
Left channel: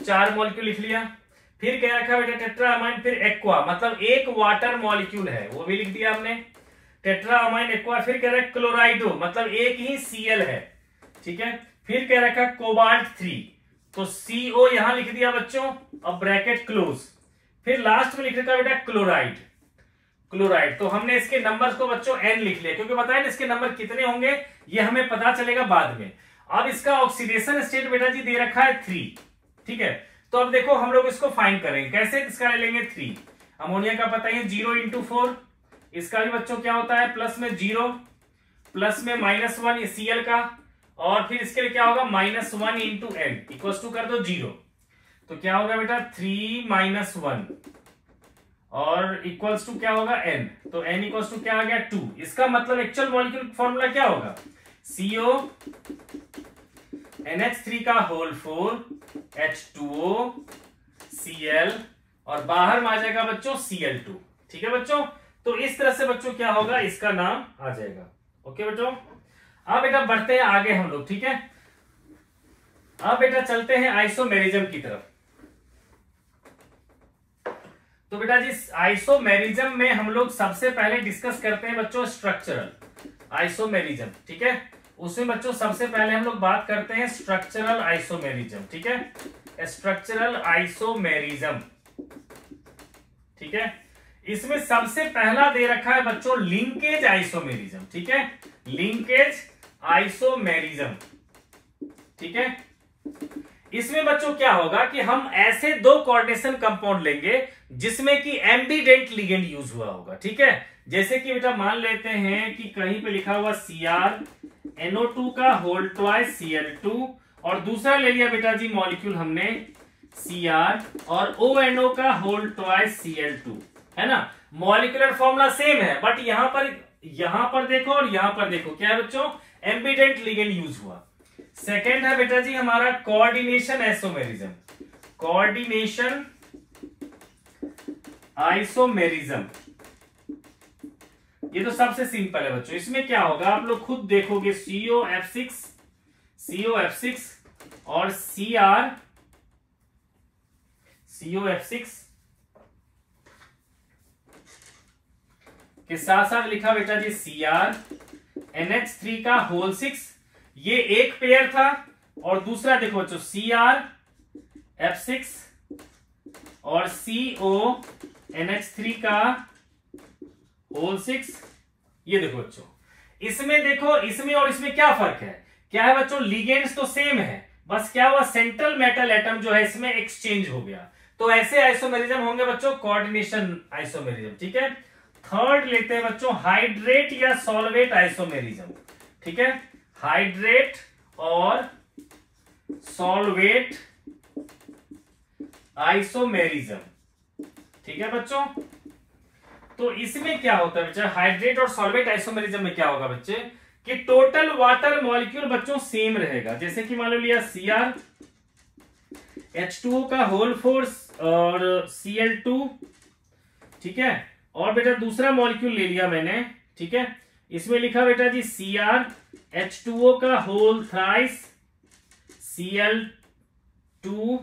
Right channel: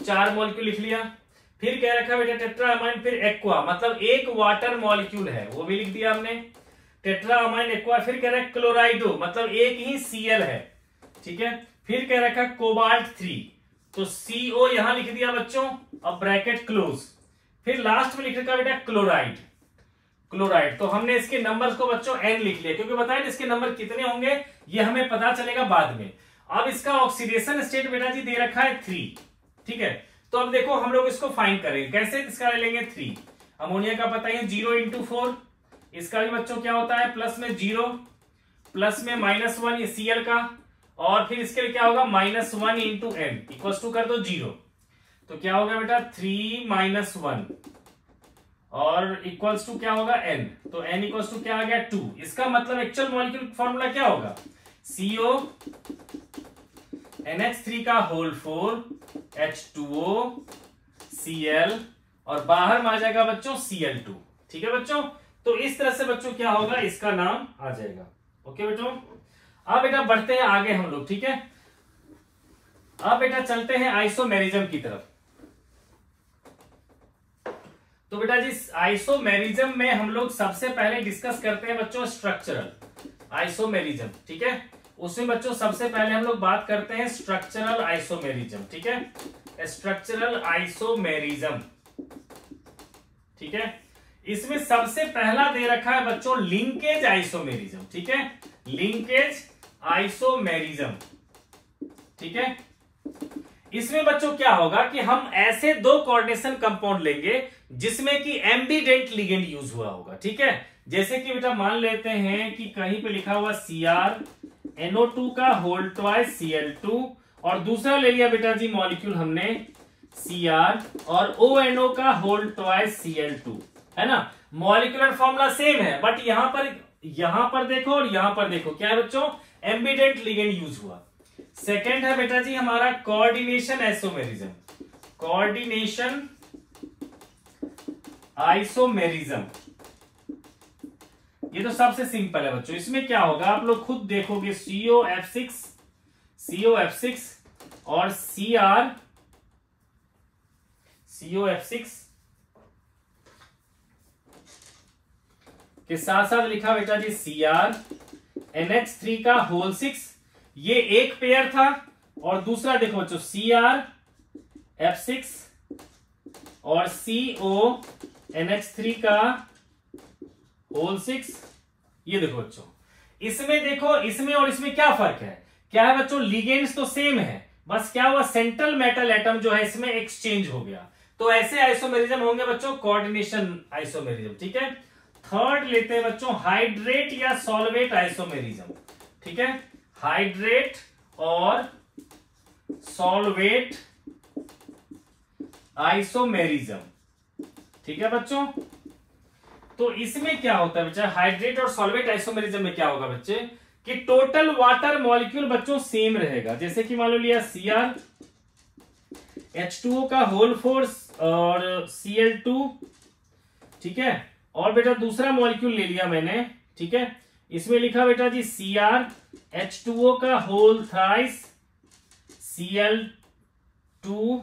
4 मॉलिक्यूल लिख लिया। फिर कह रखा है बेटा टेट्रा अमाइन, फिर एक्वा मतलब एक वाटर मॉलिक्यूल है वो भी लिख दिया हमने, टेट्रा अमाइन एक्वा। फिर कह रहा है क्लोराइडो मतलब एक ही Cl है, ठीक है। फिर कह रखा है कोबाल्ट 3 तो CO यहां लिख दिया बच्चों और ब्रैकेट क्लोज। फिर लास्ट में लिख रखा है बेटा क्लोराइड, क्लोराइड। तो हमने इसके नंबर्स को बच्चों N लिख लिया क्योंकि बताया ना इसके नंबर कितने होंगे ये हमें पता चलेगा बाद में। अब इसका ऑक्सीडेशन स्टेट बेटा जी दे रखा है 3, ठीक है। तो अब देखो हम लोग इसको फाइंड करेंगे कैसे, इसका ले लेंगे 3, अमोनिया का पता है 0 इंटू 4, इसका भी बच्चों क्या होता है प्लस में 0 प्लस में -1 ये Cl का, और फिर इसके लिए क्या होगा -1 इंटू N इक्वल टू कर दो 0। तो क्या होगा बेटा 3 - 1 और इक्वल्स टू क्या होगा N, तो N इक्वल्स टू क्या आ गया 2। इसका मतलब एक्चुअल मॉलिक्यूल फॉर्मूला क्या होगा CO NH3 का होल 4 H2O Cl और बाहर आ जाएगा बच्चों Cl2, ठीक है बच्चों। तो इस तरह से बच्चों क्या होगा इसका नाम आ जाएगा। ओके बच्चों, अब बेटा बढ़ते हैं आगे हम लोग, ठीक है। अब बेटा चलते हैं आइसोमेरिज्म की तरफ। तो बेटा जी आइसोमेरिज्म में हम लोग सबसे पहले डिस्कस करते हैं बच्चों स्ट्रक्चरल आइसोमेरिज्म, ठीक है। उसमें बच्चों सबसे पहले हम लोग बात करते हैं स्ट्रक्चरल आइसोमेरिज्म, ठीक है, स्ट्रक्चरल आइसोमेरिज्म, ठीक है। इसमें सबसे पहला दे रखा है बच्चों लिंकेज आइसोमेरिज्म, ठीक है, लिंकेज आइसोमेरिज्म, ठीक है। इसमें बच्चों क्या होगा कि हम ऐसे 2 कोऑर्डिनेशन कंपाउंड लेंगे जिसमें कि एम्बीडेंट लिगेंड यूज हुआ होगा, ठीक है। जैसे कि बेटा मान लेते हैं कि कहीं पे लिखा हुआ CrNO2 का होल ट्वाइस Cl2 और दूसरा ले लिया बेटा जी मॉलिक्यूल हमने Cr और ONO का होल ट्वाइस Cl2, है ना। मॉलिक्यूलर फॉर्मूला सेम है बट यहां पर देखो और यहां पर देखो क्या है बच्चों एम्बीडेंट लिगेंड यूज हुआ। सेकेंड है बेटा जी हमारा कोऑर्डिनेशन आइसोमेरिज्म, कोऑर्डिनेशन आइसोमेरिज्म। ये तो सबसे सिंपल है बच्चों। इसमें क्या होगा आप लोग खुद देखोगे COF6 और COF6 के साथ साथ लिखा बेटा जी CrNH3 का होल 6, ये एक पेयर था। और दूसरा देखो बच्चों CrF6 और CONH3 का होल 6, ये देखो बच्चों। इसमें देखो इसमें और इसमें क्या फर्क है, क्या है बच्चों लिगेंड्स तो सेम है, बस क्या हुआ सेंट्रल मेटल एटम जो है इसमें एक्सचेंज हो गया। तो ऐसे आइसोमेरिज्म होंगे बच्चों कोऑर्डिनेशन आइसोमेरिज्म, ठीक है। थर्ड लेते हैं बच्चों हाइड्रेट या सॉल्वेट आइसोमेरिज्म, ठीक है, हाइड्रेट और सॉल्वेट आइसोमेरिज्म, ठीक है बच्चों। तो इसमें क्या होता है बच्चे हाइड्रेट और सॉल्वेट आइसोमेरिज्म में क्या होगा बच्चे कि टोटल वाटर मॉलिक्यूल बच्चों सेम रहेगा। जैसे कि मान लो लिया Cr H2O का होल 4 और Cl2, ठीक है। और बेटा दूसरा मॉलिक्यूल ले लिया मैंने, ठीक है, इसमें लिखा बेटा जी Cr H2O का होल थ्राइस Cl2,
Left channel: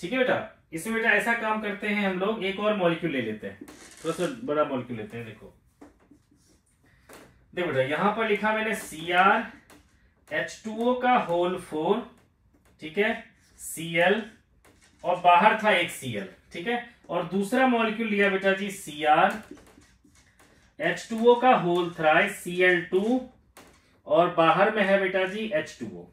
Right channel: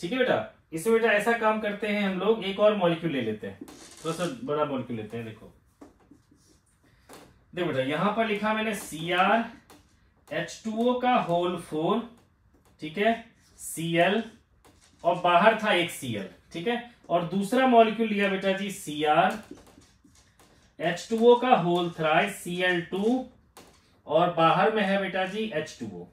ठीक है बेटा। इसमें बेटा ऐसा काम करते हैं हम लोग, एक और मॉलिक्यूल ले लेते हैं, थोड़ा सा बड़ा मॉलिक्यूल लेते हैं। देखो बेटा यहां पर लिखा मैंने Cr H2O का होल 4, ठीक है, Cl और बाहर था एक Cl, ठीक है। और दूसरा मॉलिक्यूल लिया बेटा जी Cr H2O का होल थ्राइस Cl2 और बाहर में है बेटा जी H2O,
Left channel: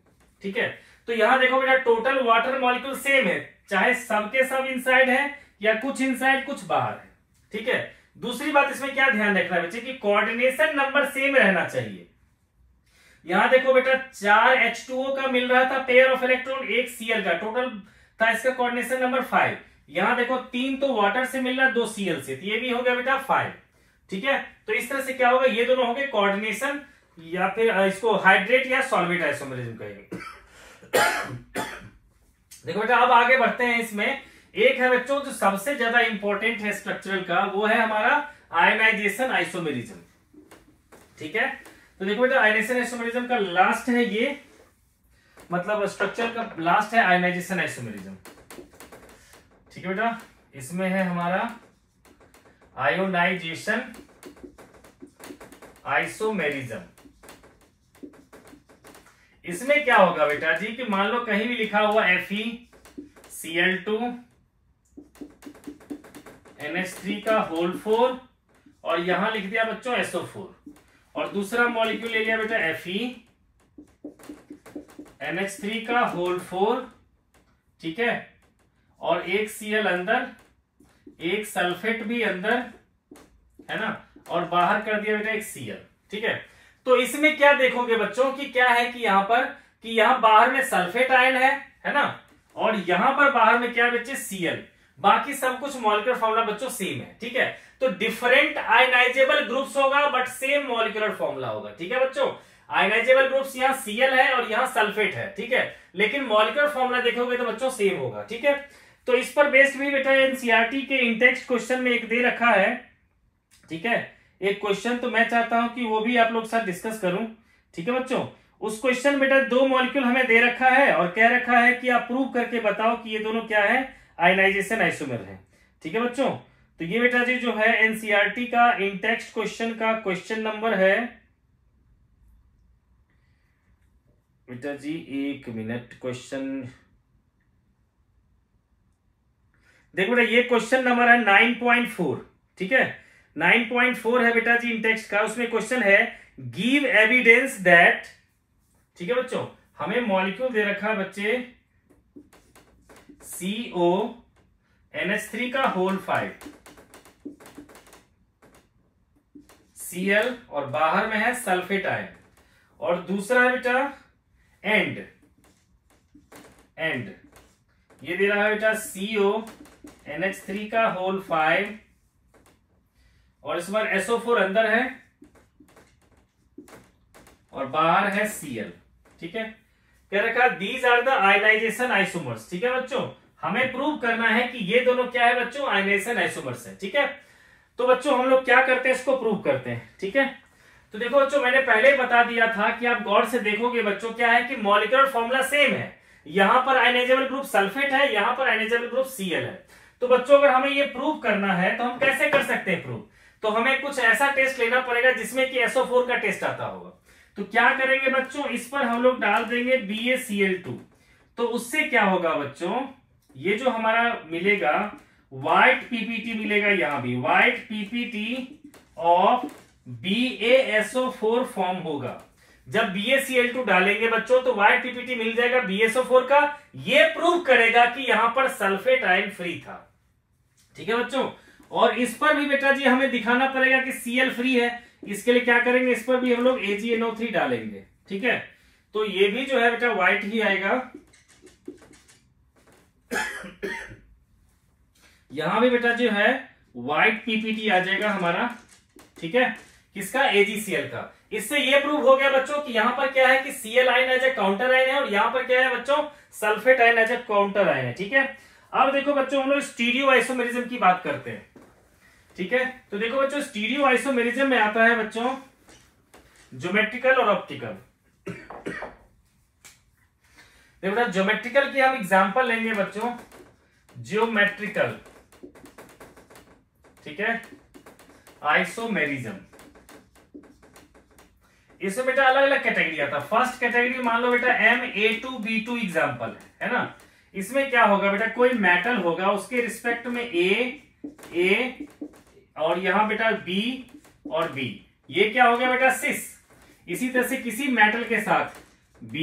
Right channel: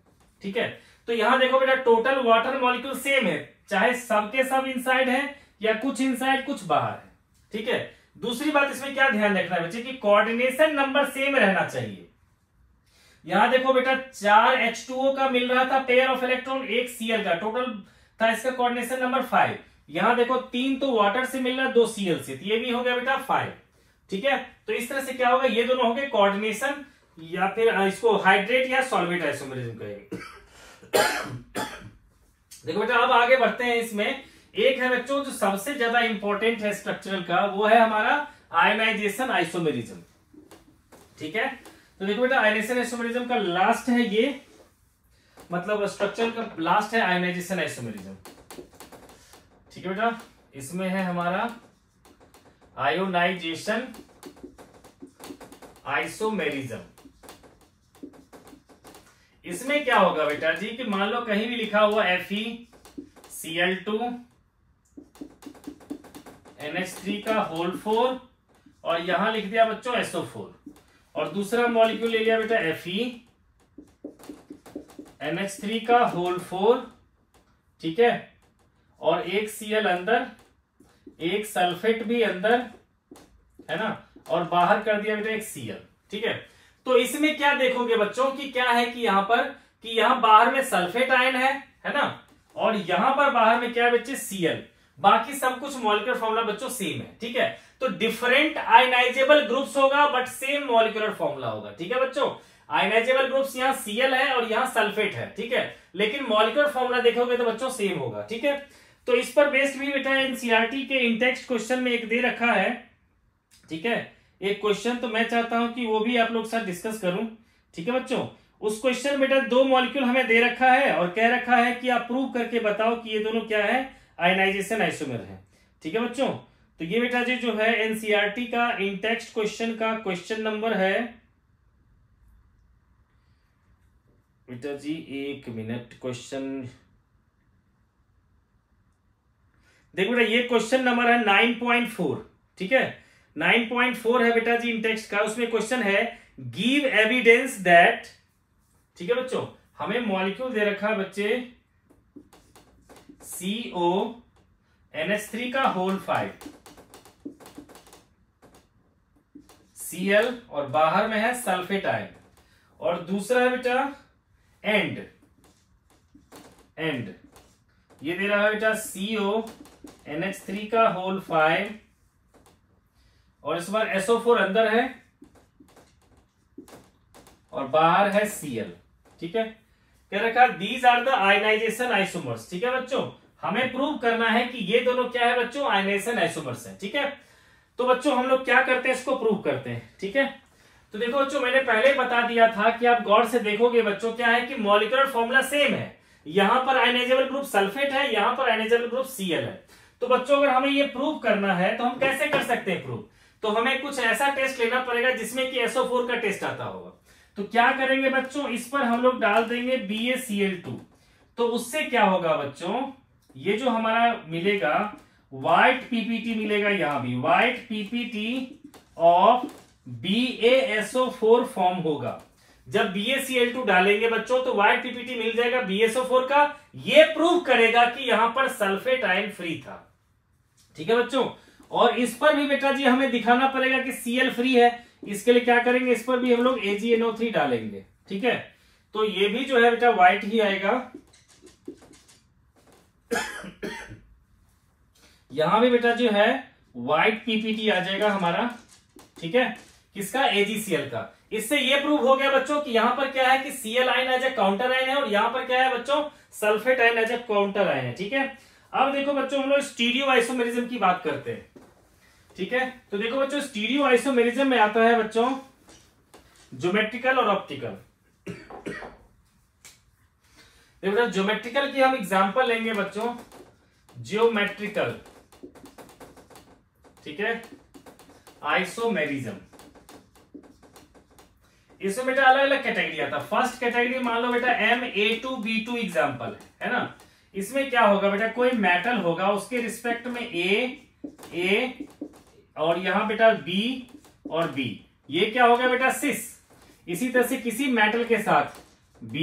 ठीक है। तो यहां देखो बेटा टोटल वाटर मॉलिक्यूल सेम है, चाहे सबके सब इनसाइड है या कुछ इनसाइड कुछ बाहर है, ठीक है। दूसरी बात इसमें क्या ध्यान रखना है बच्चे कि कोऑर्डिनेशन नंबर सेम रहना चाहिए। यहां देखो बेटा 4 H2O का मिल रहा था पेयर ऑफ इलेक्ट्रॉन, एक Cl का, टोटल था इसका कोऑर्डिनेशन नंबर 5। यहां देखो 3 तो वाटर से मिल रहा, 2 Cl से, तो ये भी हो गया बेटा 5, ठीक है। तो इस तरह से क्या होगा ये दोनों हो गए कोऑर्डिनेशन या फिर इसको हाइड्रेट या सॉल्वेट आइसोमेरिज्म कहेंगे। देखो बेटा अब आगे बढ़ते हैं। इसमें एक है बच्चों जो सबसे ज्यादा इंपॉर्टेंट है स्ट्रक्चरल का, वो है हमारा आयनाइजेशन आइसोमेरिज्म। ठीक है, तो देखो बेटा आयनाइजेशन आइसोमेरिज्म का लास्ट है ये, मतलब स्ट्रक्चर का लास्ट है आयनाइजेशन आइसोमेरिज्म। ठीक है बेटा, इसमें है हमारा आयोनाइजेशन आइसोमेरिज्म। इसमें क्या होगा बेटा जी कि मान लो कहीं भी लिखा हुआ FeCl2 NH3 का होल 4 और यहां लिख दिया बच्चों SO4, और दूसरा मॉलिक्यूल ले लिया बेटा FeNH3 का होल 4, ठीक है, और एक Cl अंदर, एक सल्फेट भी अंदर है ना, और बाहर कर दिया बेटा एक Cl। ठीक है, तो इसमें क्या देखोगे बच्चों कि क्या है कि यहां पर कि यहां बाहर में सल्फेट आयन है ना, और यहां पर बाहर में क्या है बच्चे Cl, बाकी सब कुछ मॉलिक्यूलर फॉर्मूला बच्चों सेम है। ठीक है, तो डिफरेंट आयनाइजेबल ग्रुप्स होगा बट सेम मॉलिक्यूलर फॉर्मूला होगा। ठीक है बच्चों, आयनाइजेबल ग्रुप्स यहाँ Cl है और यहाँ सल्फेट है। ठीक है, लेकिन मॉलिक्यूलर फॉर्मूला देखोगे तो बच्चों सेम होगा। ठीक है, तो इस पर बेस्ड भी बेटा एनसीईआरटी के इंटेक्स्ट क्वेश्चन में एक दे रखा है। ठीक है, एक क्वेश्चन तो मैं चाहता हूं कि वो भी आप लोग साथ डिस्कस करूं। ठीक है बच्चों, उस क्वेश्चन बेटा 2 मॉलिक्यूल हमें दे रखा है और कह रखा है कि आप प्रूव करके बताओ कि ये दोनों क्या है, आयनाइजेशन आइसोमर है। ठीक है बच्चों, तो ये बेटा जी जो है एनसीईआरटी का इंटेक्स्ट क्वेश्चन का क्वेश्चन नंबर है बेटा जी, 1 मिनट, क्वेश्चन देखो बेटा, ये क्वेश्चन नंबर है 9.4। ठीक है, 9.4 है बेटा जी इंटेक्स्ट का। उसमें क्वेश्चन है गिव एविडेंस दैट, ठीक है बच्चों, हमें मॉलिक्यूल दे रखा है बच्चे CONH3 का होल 5 Cl और बाहर में है सल्फेट आयन, और दूसरा है बेटा एंड ये दे रहा है बेटा CONH3 का होल 5 और इस बार SO4 अंदर है और बाहर है Cl। ठीक है, कह रखा these are the ionization isomers. ठीक है बच्चों, हमें प्रूव करना है कि ये दोनों क्या है बच्चों, आयनाइजेशन आइसोमर्स है। ठीक है, तो बच्चों हम लोग क्या करते हैं, इसको प्रूव करते हैं। ठीक है, तो देखो बच्चों, मैंने पहले बता दिया था कि आप गौर से देखोगे बच्चों क्या है कि मॉलिक्यूलर फॉर्मूला सेम है। यहां पर आयनाइजेबल ग्रुप सल्फेट है, यहां पर आयनाइजेबल ग्रुप Cl है। तो बच्चों अगर हमें ये प्रूव करना है तो हम कैसे कर सकते हैं प्रूव, तो हमें कुछ ऐसा टेस्ट लेना पड़ेगा जिसमें कि SO4 का टेस्ट आता होगा। तो क्या करेंगे बच्चों, इस पर हम लोग डाल देंगे BaCl2। तो उससे क्या होगा बच्चों, ये जो हमारा मिलेगा व्हाइट पीपीटी मिलेगा, यहां भी white PPT of BaSO4 form होगा। जब BaCl2 डालेंगे बच्चों तो व्हाइट पीपीटी मिल जाएगा BaSO4 का। ये प्रूव करेगा कि यहां पर सल्फेट आयन फ्री था। ठीक है बच्चों, और इस पर भी बेटा जी हमें दिखाना पड़ेगा कि Cl फ्री है। इसके लिए क्या करेंगे, इस पर भी हम लोग AgNO3 डालेंगे। ठीक है, तो ये भी जो है बेटा व्हाइट ही आएगा। यहां भी बेटा जो है व्हाइट पीपीटी आ जाएगा हमारा। ठीक है, किसका, AgCl का। इससे ये प्रूव हो गया बच्चों कि यहां पर क्या है कि Cl ion as a counter ion है और यहां पर क्या है बच्चों, sulphate ion as a counter ion है। ठीक है, अब देखो बच्चों हम लोग स्टीरियो आइसोमेरिज्म की बात करते हैं। ठीक है, तो देखो बच्चों स्टीरियो आइसोमेरिज्म में आता है बच्चों ज्योमेट्रिकल और ऑप्टिकल। देखो बेटा ज्योमेट्रिकल की हम एग्जांपल लेंगे बच्चों, ज्योमेट्रिकल, ठीक है, आइसोमेरिज्म। इसमें बेटा अलग अलग कैटेगरी आता है। फर्स्ट कैटेगरी मान लो बेटा Ma2B2 एग्जांपल है ना। इसमें क्या होगा बेटा, कोई मेटल होगा उसके रिस्पेक्ट में A और यहां बेटा B और B, ये क्या हो गया बेटा सिस। इसी तरह से किसी मेटल के साथ B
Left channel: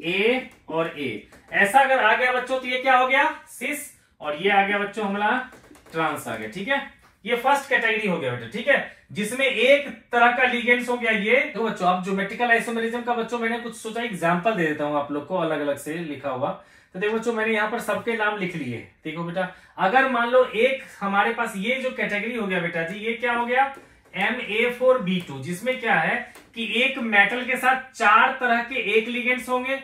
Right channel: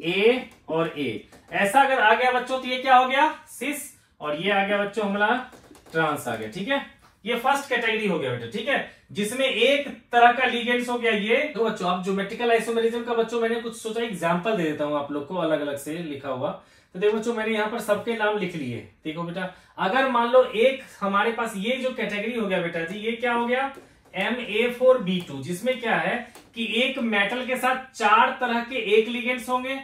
A और A, ऐसा अगर आ गया बच्चों तो ये क्या हो गया सिस, और ये आ गया बच्चों हमारा ट्रांस आ गया। ठीक है, ये फर्स्ट कैटेगरी हो गया बेटा। ठीक है, जिसमें एक तरह का लिगेंड्स हो गया ये। तो बच्चों आप ज्योमेट्रिकल आइसोमेरिज्म का बच्चों मैंने कुछ सोचा एग्जांपल दे देता हूं आप लोग को अलग अलग से लिखा हुआ। तो देखो बच्चों मैंने यहाँ पर सबके नाम लिख लिए। देखो बेटा अगर मान लो एक हमारे पास ये जो कैटेगरी हो गया बेटा जी, ये क्या हो गया Ma4B2, जिसमें क्या है कि एक मेटल के साथ 4 तरह के एक लिगेंड्स होंगे।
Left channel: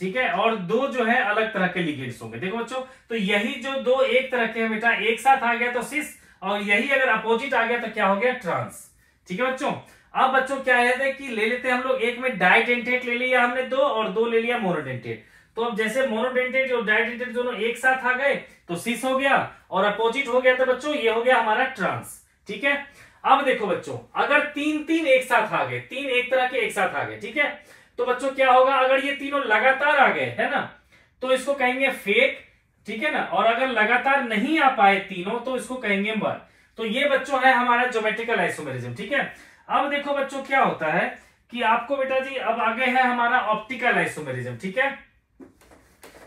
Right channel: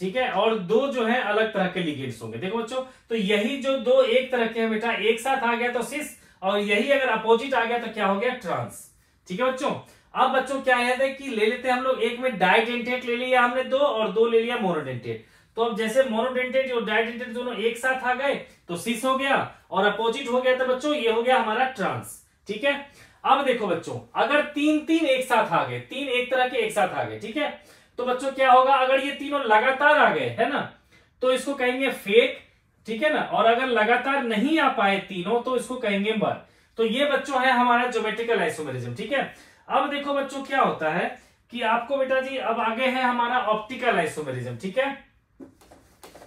ठीक है, और 2 जो है अलग तरह के लिगेंड्स होंगे। देखो बच्चों, तो यही जो 2 एक तरह के हैं बेटा एक साथ आ गया तो सिस, और यही अगर अपोजिट आ गया तो क्या हो गया, ट्रांस। ठीक है बच्चों। अब बच्चों क्या है कि ले लेते हैं हम लोग, एक में डाइडेंटेट ले लिया हमने दो, और दो ले लिया मोनोडेंटेट। तो अब जैसे मोनोडेंटेट और डाइडेंटेट दोनों एक साथ आ गए तो सिस हो गया, और अपोजिट हो गया तो बच्चों ये हो गया हमारा ट्रांस। ठीक है। अब देखो बच्चों, अगर तीन तीन एक साथ आ गए, तीन एक तरह के एक साथ आ गए, ठीक है, तो बच्चों क्या होगा, अगर ये तीनों लगातार आ गए है ना तो इसको कहेंगे फेक। ठीक है ना। और अगर लगातार नहीं आ पाए तीनों तो इसको कहेंगे मर। तो ये बच्चों है हमारा ज्योमेट्रिकल आइसोमेरिज्म। ठीक है। अब देखो बच्चों क्या होता है कि आपको बेटा जी अब आगे है हमारा ऑप्टिकल आइसोमेरिज्म। ठीक है।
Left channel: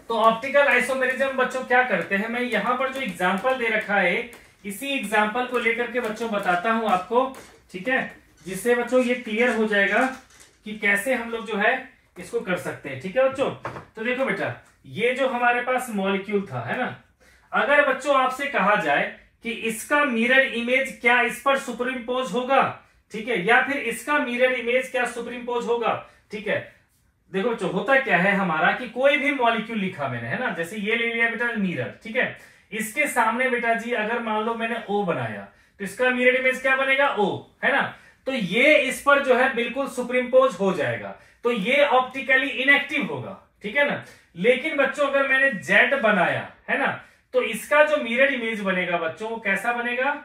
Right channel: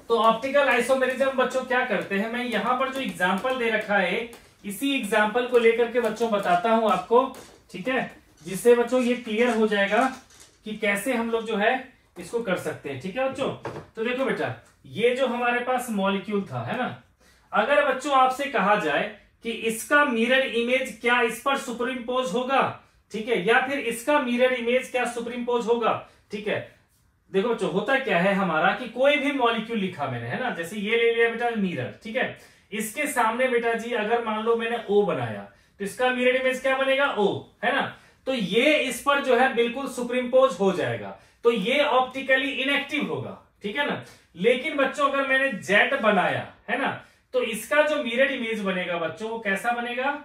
तो ऑप्टिकल आइसोमेरिज्म बच्चों क्या करते हैं, मैं यहां पर जो एग्जांपल दे रखा है इसी एग्जांपल को लेकर के बच्चों बताता हूं आपको। ठीक है। जिससे बच्चों ये क्लियर हो जाएगा कि कैसे हम लोग जो है इसको कर सकते हैं। ठीक है बच्चों। तो देखो बेटा, ये जो हमारे पास मॉलिक्यूल था है ना, अगर बच्चों आपसे कहा जाए कि इसका मिरर इमेज क्या इस पर सुपरइम्पोज होगा, ठीक है, या फिर इसका मिरर इमेज क्या सुपरइम्पोज होगा। ठीक है। देखो बच्चों, होता क्या है हमारा कि कोई भी मॉलिक्यूल लिखा मैंने है ना, जैसे ये ले लिया बेटा मिरर। ठीक है। इसके सामने बेटा जी अगर मान लो मैंने ओ बनाया तो इसका मिरर इमेज क्या बनेगा, ओ, है ना। तो ये इस पर जो है बिल्कुल सुपरइम्पोज हो जाएगा, तो ये ऑप्टिकली इनएक्टिव होगा। ठीक है ना। लेकिन बच्चों अगर मैंने जेड बनाया है ना, तो इसका जो मिरर इमेज बनेगा बच्चों वो कैसा बनेगा,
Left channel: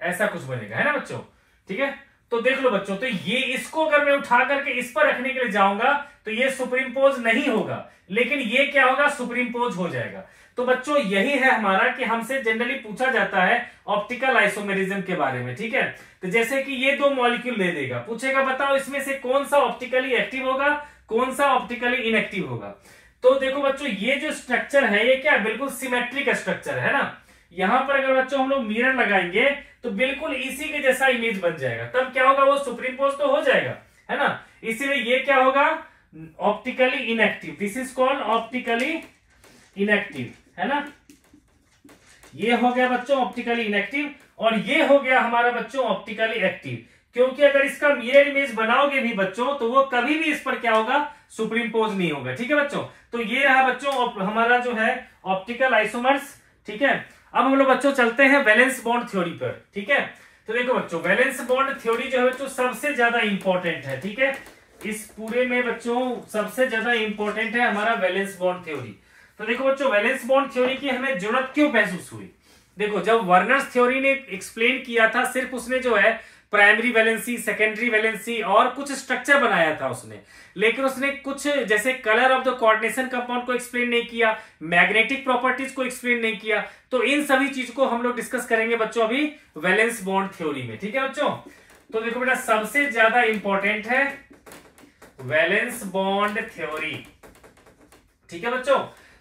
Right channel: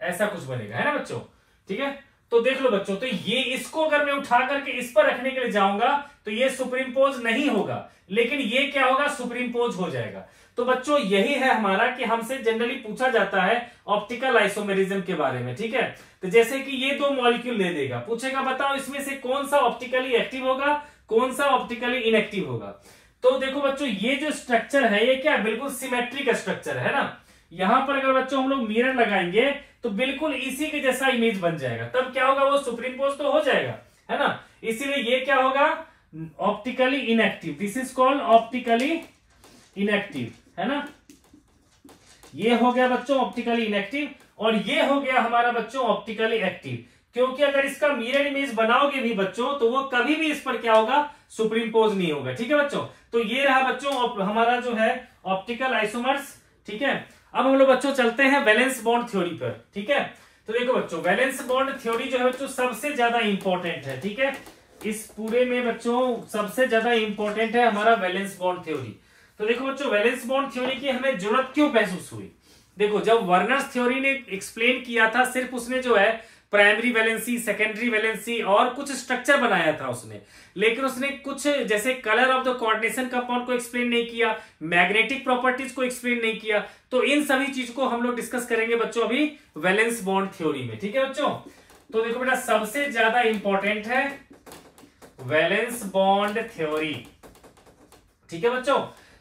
ऐसा कुछ बनेगा, है ना बच्चों। ठीक है। तो देख लो बच्चों, तो ये इसको अगर मैं उठा करके इस पर रखने के लिए जाऊंगा तो ये सुपरइम्पोज नहीं होगा, लेकिन ये क्या होगा, सुपरइम्पोज हो जाएगा। तो बच्चों यही है हमारा कि हमसे जनरली पूछा जाता है ऑप्टिकल आइसोमेरिज्म के बारे में। ठीक है। तो जैसे कि ये दो मॉलिक्यूल ले देगा, पूछेगा बताओ इसमें से कौन सा ऑप्टिकली एक्टिव होगा, कौन सा ऑप्टिकली इनएक्टिव होगा। तो देखो बच्चों, ये जो स्ट्रक्चर है ये क्या बिल्कुल सिमेट्रिक स्ट्रक्चर है ना। यहां पर अगर बच्चों हम लोग मिरर लगाएंगे तो बिल्कुल इसी के जैसा इमेज बन जाएगा, तब क्या होगा, वो सुपरइम्पोज तो हो जाएगा, है ना। इसीलिए ये क्या होगा, optically inactive. This is called optically inactive, है ना। ये हो गया बच्चों ऑप्टिकली इनएक्टिव, और ये हो गया हमारा बच्चों ऑप्टिकली एक्टिव। क्योंकि अगर इसका मिरर इमेज बनाओगे भी बच्चों तो वो कभी भी इस पर क्या होगा, सुपरइम्पोज नहीं होगा। ठीक है बच्चों। तो ये रहा बच्चों हमारा जो है ऑप्टिकल आइसोमर्स। ठीक है। अब हम लोग बच्चों चलते हैं वैलेंस बॉन्ड थ्योरी पर। ठीक है। तो देखो बच्चों, वैलेंस बॉन्ड थ्योरी जो है बच्चों सबसे ज्यादा इंपॉर्टेंट है। ठीक है। इस पूरे में बच्चों सबसे ज्यादा इंपॉर्टेंट है हमारा वैलेंस बॉन्ड थ्योरी। तो देखो बच्चों, वैलेंस बॉन्ड थ्योरी की हमें जरूरत क्यों महसूस हुई। देखो, जब वर्नर्स थ्योरी ने एक्सप्लेन किया था, सिर्फ उसने जो है प्राइमरी वैलेंसी, सेकेंडरी वैलेंसी और कुछ स्ट्रक्चर बनाया था उसने, लेकिन उसने कुछ जैसे colour of the coordination compound को एक्सप्लेन नहीं किया, मैग्नेटिक प्रॉपर्टीज को एक्सप्लेन नहीं किया। तो इन सभी चीज को हम लोग डिस्कस करेंगे बच्चों अभी वैलेंस बॉन्ड थ्योरी में। ठीक है बच्चों। तो देखो बेटा, सबसे ज्यादा इंपॉर्टेंट है वैलेंस बॉन्ड थ्योरी। ठीक है बच्चों।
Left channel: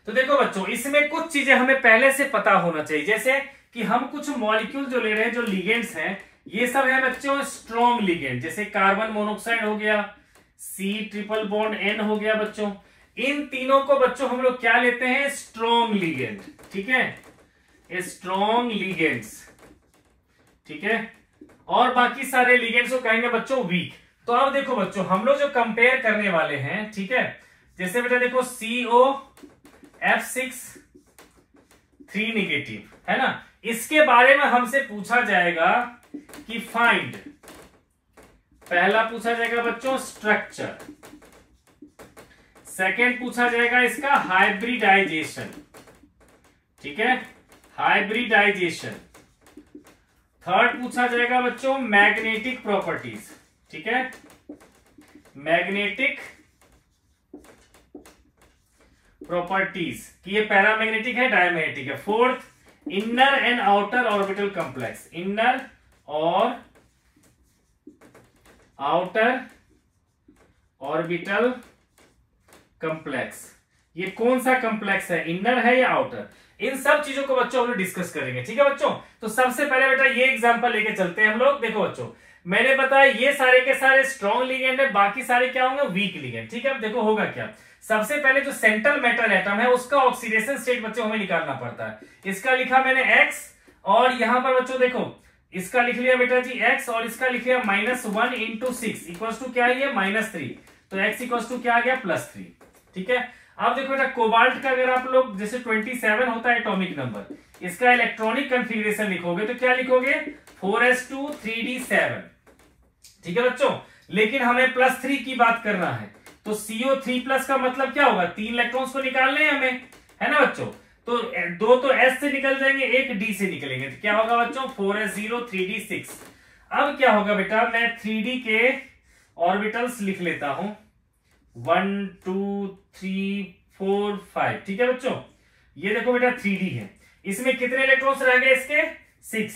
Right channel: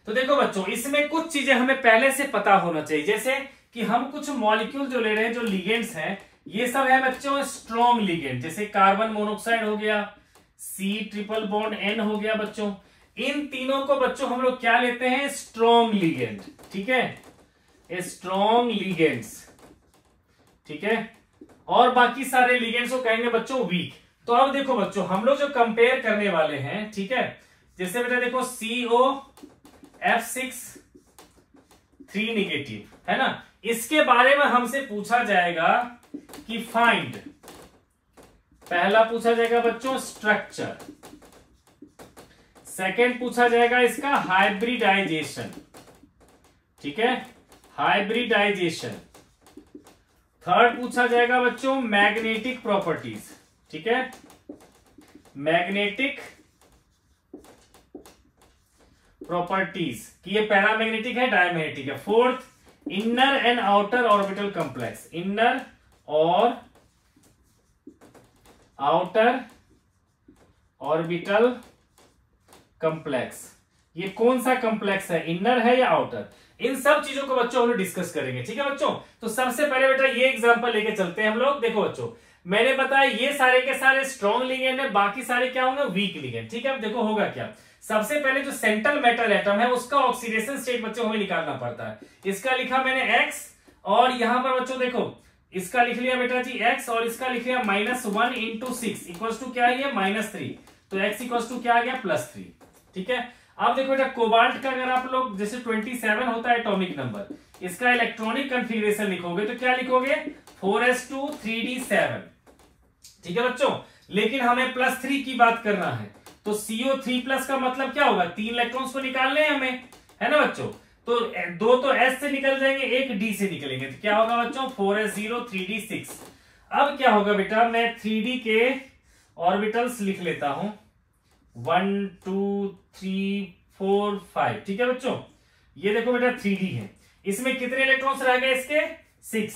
तो देखो बच्चों, इसमें कुछ चीजें हमें पहले से पता होना चाहिए, जैसे कि हम कुछ मॉलिक्यूल जो ले रहे हैं, जो लिगेंड्स हैं, ये सब है बच्चों स्ट्रॉन्ग लिगेंड, जैसे कार्बन मोनोऑक्साइड हो गया, C ट्रिपल बॉन्ड N हो गया बच्चों। इन तीनों को बच्चों हम लोग क्या लेते हैं, स्ट्रॉन्ग लिगेंड। ठीक है, स्ट्रॉन्ग लिगेंड्स। ठीक है। और बाकी सारे लिगेंड्स को कहेंगे बच्चों वीक। तो अब देखो बच्चों, हम लोग जो कंपेयर करने वाले हैं, ठीक है, जैसे बेटा देखो COF6 3 निगेटिव, है ना, इसके बारे में हमसे पूछा जाएगा कि फाइंड, पहला पूछा जाएगा बच्चों स्ट्रक्चर, सेकेंड पूछा जाएगा इसका हाइब्रिडाइजेशन। ठीक है, हाइब्रिडाइजेशन। थर्ड पूछा जाएगा बच्चों मैग्नेटिक प्रॉपर्टीज। ठीक है, मैग्नेटिक प्रॉपर्टीज कि ये पैरामैग्नेटिक है, डायमैग्नेटिक है। Fourth inner and outer orbital complex, inner और आउटर ऑर्बिटल कॉम्प्लेक्स, ये कौन सा कॉम्प्लेक्स है, इनर है या आउटर, इन सब चीजों को बच्चों हम लोग डिस्कस करेंगे। ठीक है बच्चों। तो सबसे पहले बेटा ये एग्जांपल लेके चलते हैं हम लोग। देखो बच्चों, मैंने बताया ये सारे के सारे स्ट्रॉन्ग लिगेंड है, बाकी सारे क्या होंगे, वीक लिगेंड। ठीक है। अब देखो होगा क्या, सबसे पहले जो सेंट्रल मेटल एटम है उसका ऑक्सीडेशन स्टेट बच्चों हमें निकालना पड़ता है। इसका लिखा मैंने X, और यहां पर बच्चों देखो इसका लिख लिया बेटा जी X, और इसका लिख लिया -1 × 6 इक्वल्स टू क्या है, -3। तो X इक्वल्स टू क्या आ गया, +3। ठीक है। अब देखो बेटा कोबाल्ट का अगर आप लोग जैसे 27 होता है एटॉमिक नंबर, इसका इलेक्ट्रॉनिक कन्फिग्रेशन लिखोगे तो क्या लिखोगे 4s2 3d7। ठीक है बच्चों, लेकिन हमें +3 की बात करना है, तो CO3+ का मतलब क्या होगा, 3 इलेक्ट्रॉन्स को निकालने हैं हमें, है ना बच्चों। तो 2 तो S से निकल जाएंगे, 1 D से निकलेंगे, तो क्या होगा बच्चों 4s0 3d6। अब क्या होगा बेटा, मैं 3D के ऑर्बिटल्स लिख लेता हूं 1 2 3 4 5। ठीक है बच्चों, ये देखो बेटा 3D है, इसमें कितने इलेक्ट्रॉन्स रह गए इसके 6,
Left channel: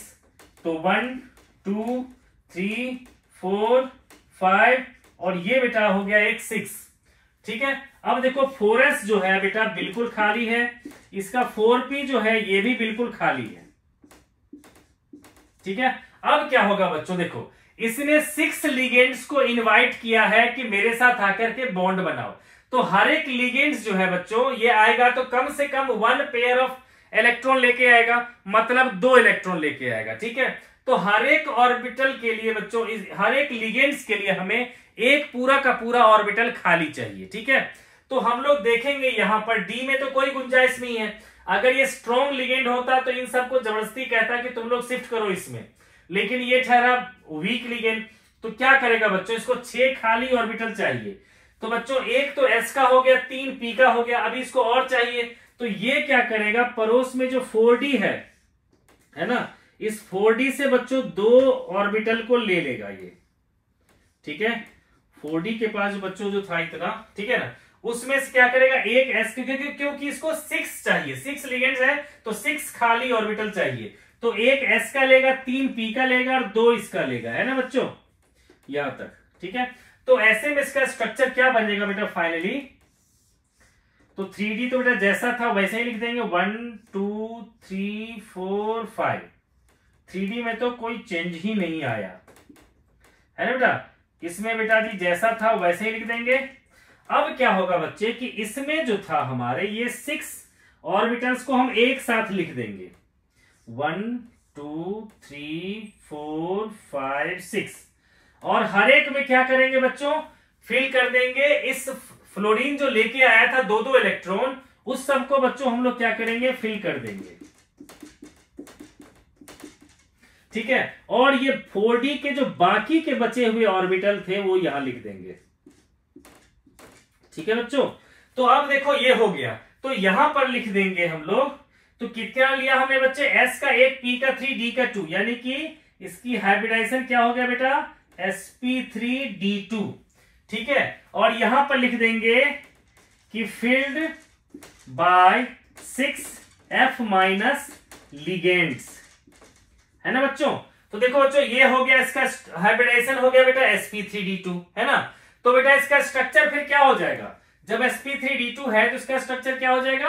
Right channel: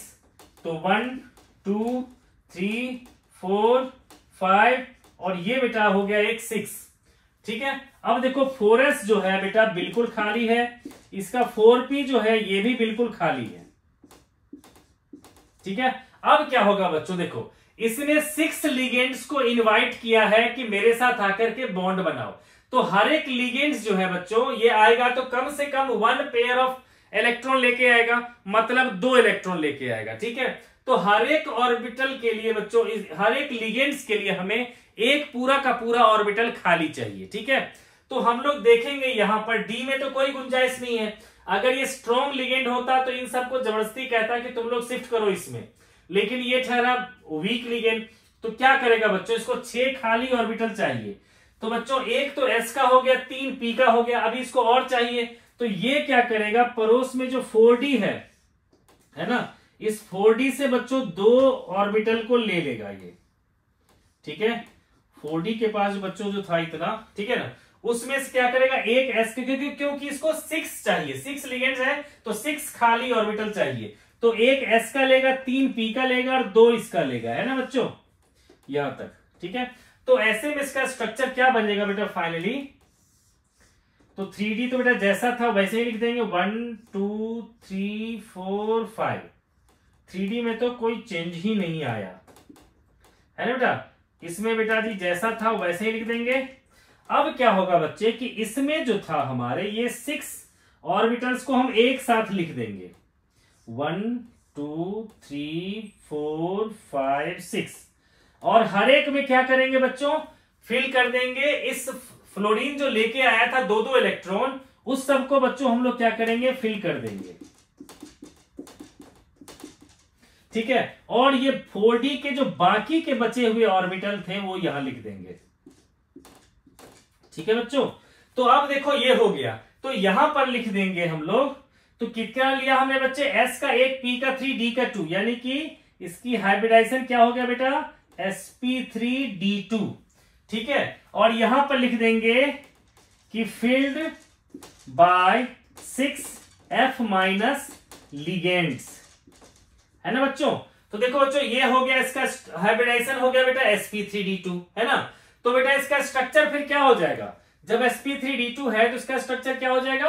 तो 1 2 3 4 5 और ये बेटा हो गया एक 6। ठीक है, अब देखो 4s जो है बेटा बिल्कुल खाली है, इसका 4p जो है ये भी बिल्कुल खाली है। ठीक है, अब क्या होगा बच्चों, देखो इसने 6 लिगेंड्स को इनवाइट किया है कि मेरे साथ आकर के बॉन्ड बनाओ, तो हर एक लिगेंड्स जो है बच्चों ये आएगा तो कम से कम 1 पेयर ऑफ इलेक्ट्रॉन लेके आएगा, मतलब 2 इलेक्ट्रॉन लेके आएगा। ठीक है, तो हर एक ऑर्बिटल के लिए बच्चों, हर एक लिगेंड्स के लिए हमें एक पूरा का पूरा ऑर्बिटल खाली चाहिए। ठीक है, तो हम लोग देखेंगे यहां पर डी में तो कोई गुंजाइश नहीं है, अगर ये स्ट्रॉन्ग लिगेंड होता तो इन सबको जबरदस्ती कहता कि तुम लोग शिफ्ट करो इसमें, लेकिन ये ठहरा वीक लिगेंड, तो क्या करेगा बच्चों, इसको 6 खाली ऑर्बिटल चाहिए। तो बच्चों एक तो एस का हो गया, 3 पी का हो गया, अभी इसको और चाहिए, तो ये क्या करेगा, पड़ोस में जो 4d है ना, इस 4d से बच्चों 2 ऑर्बिटल को ले लेगा ये। ठीक है, 4d के पास बच्चों जो था इतना, ठीक है ना, उसमें से क्या करेगा एक s, क्योंकि इसको 6 चाहिए, 6 लिगेंड्स है तो 6 खाली ऑर्बिटल चाहिए, तो एक s का लेगा, 3 p का लेगा और 2 इसका लेगा, है ना बच्चों यहां तक। ठीक है, तो ऐसे में इसका स्ट्रक्चर क्या बनेगा बेटा फाइनली, तो 3D तो बेटा जैसा था वैसे ही लिख देंगे 1 2 3 4 5। 3D में तो कोई चेंज ही नहीं आया, है ना बेटा, इसमें बेटा जी जैसा था वैसे ही लिख देंगे। अब क्या होगा बच्चे कि इसमें जो था हमारे ये 6 ऑर्बिटल्स को हम एक साथ लिख देंगे 1 2 3 4 5 6, और हर एक में क्या करेंगे बच्चों, फिल कर देंगे इस फ्लोरीन जो लेके आया था 2-2 इलेक्ट्रॉन, उस सबको बच्चों हम लोग क्या करेंगे, फिल कर देंगे। ठीक है, और ये 4D के जो बाकी के बचे हुए ऑर्बिटल थे वो यहां लिख देंगे। ठीक है बच्चों, तो अब देखो ये हो गया, तो यहां पर लिख देंगे हम लोग, तो कितना लिया हमने बच्चे, s का 1 p का 3 d का 2, यानी कि इसकी हाइब्रिडाइजेशन क्या हो गया बेटा sp3d2। ठीक है, और यहां पर लिख देंगे कि filled by 6f minus ligands, है ना बच्चों। तो देखो बच्चों ये हो गया, इसका हाइब्रिडाइजेशन हो गया बेटा sp3d2, है ना, तो बेटा इसका स्ट्रक्चर फिर क्या हो जाएगा, जब sp3d2 है तो इसका स्ट्रक्चर क्या हो जाएगा,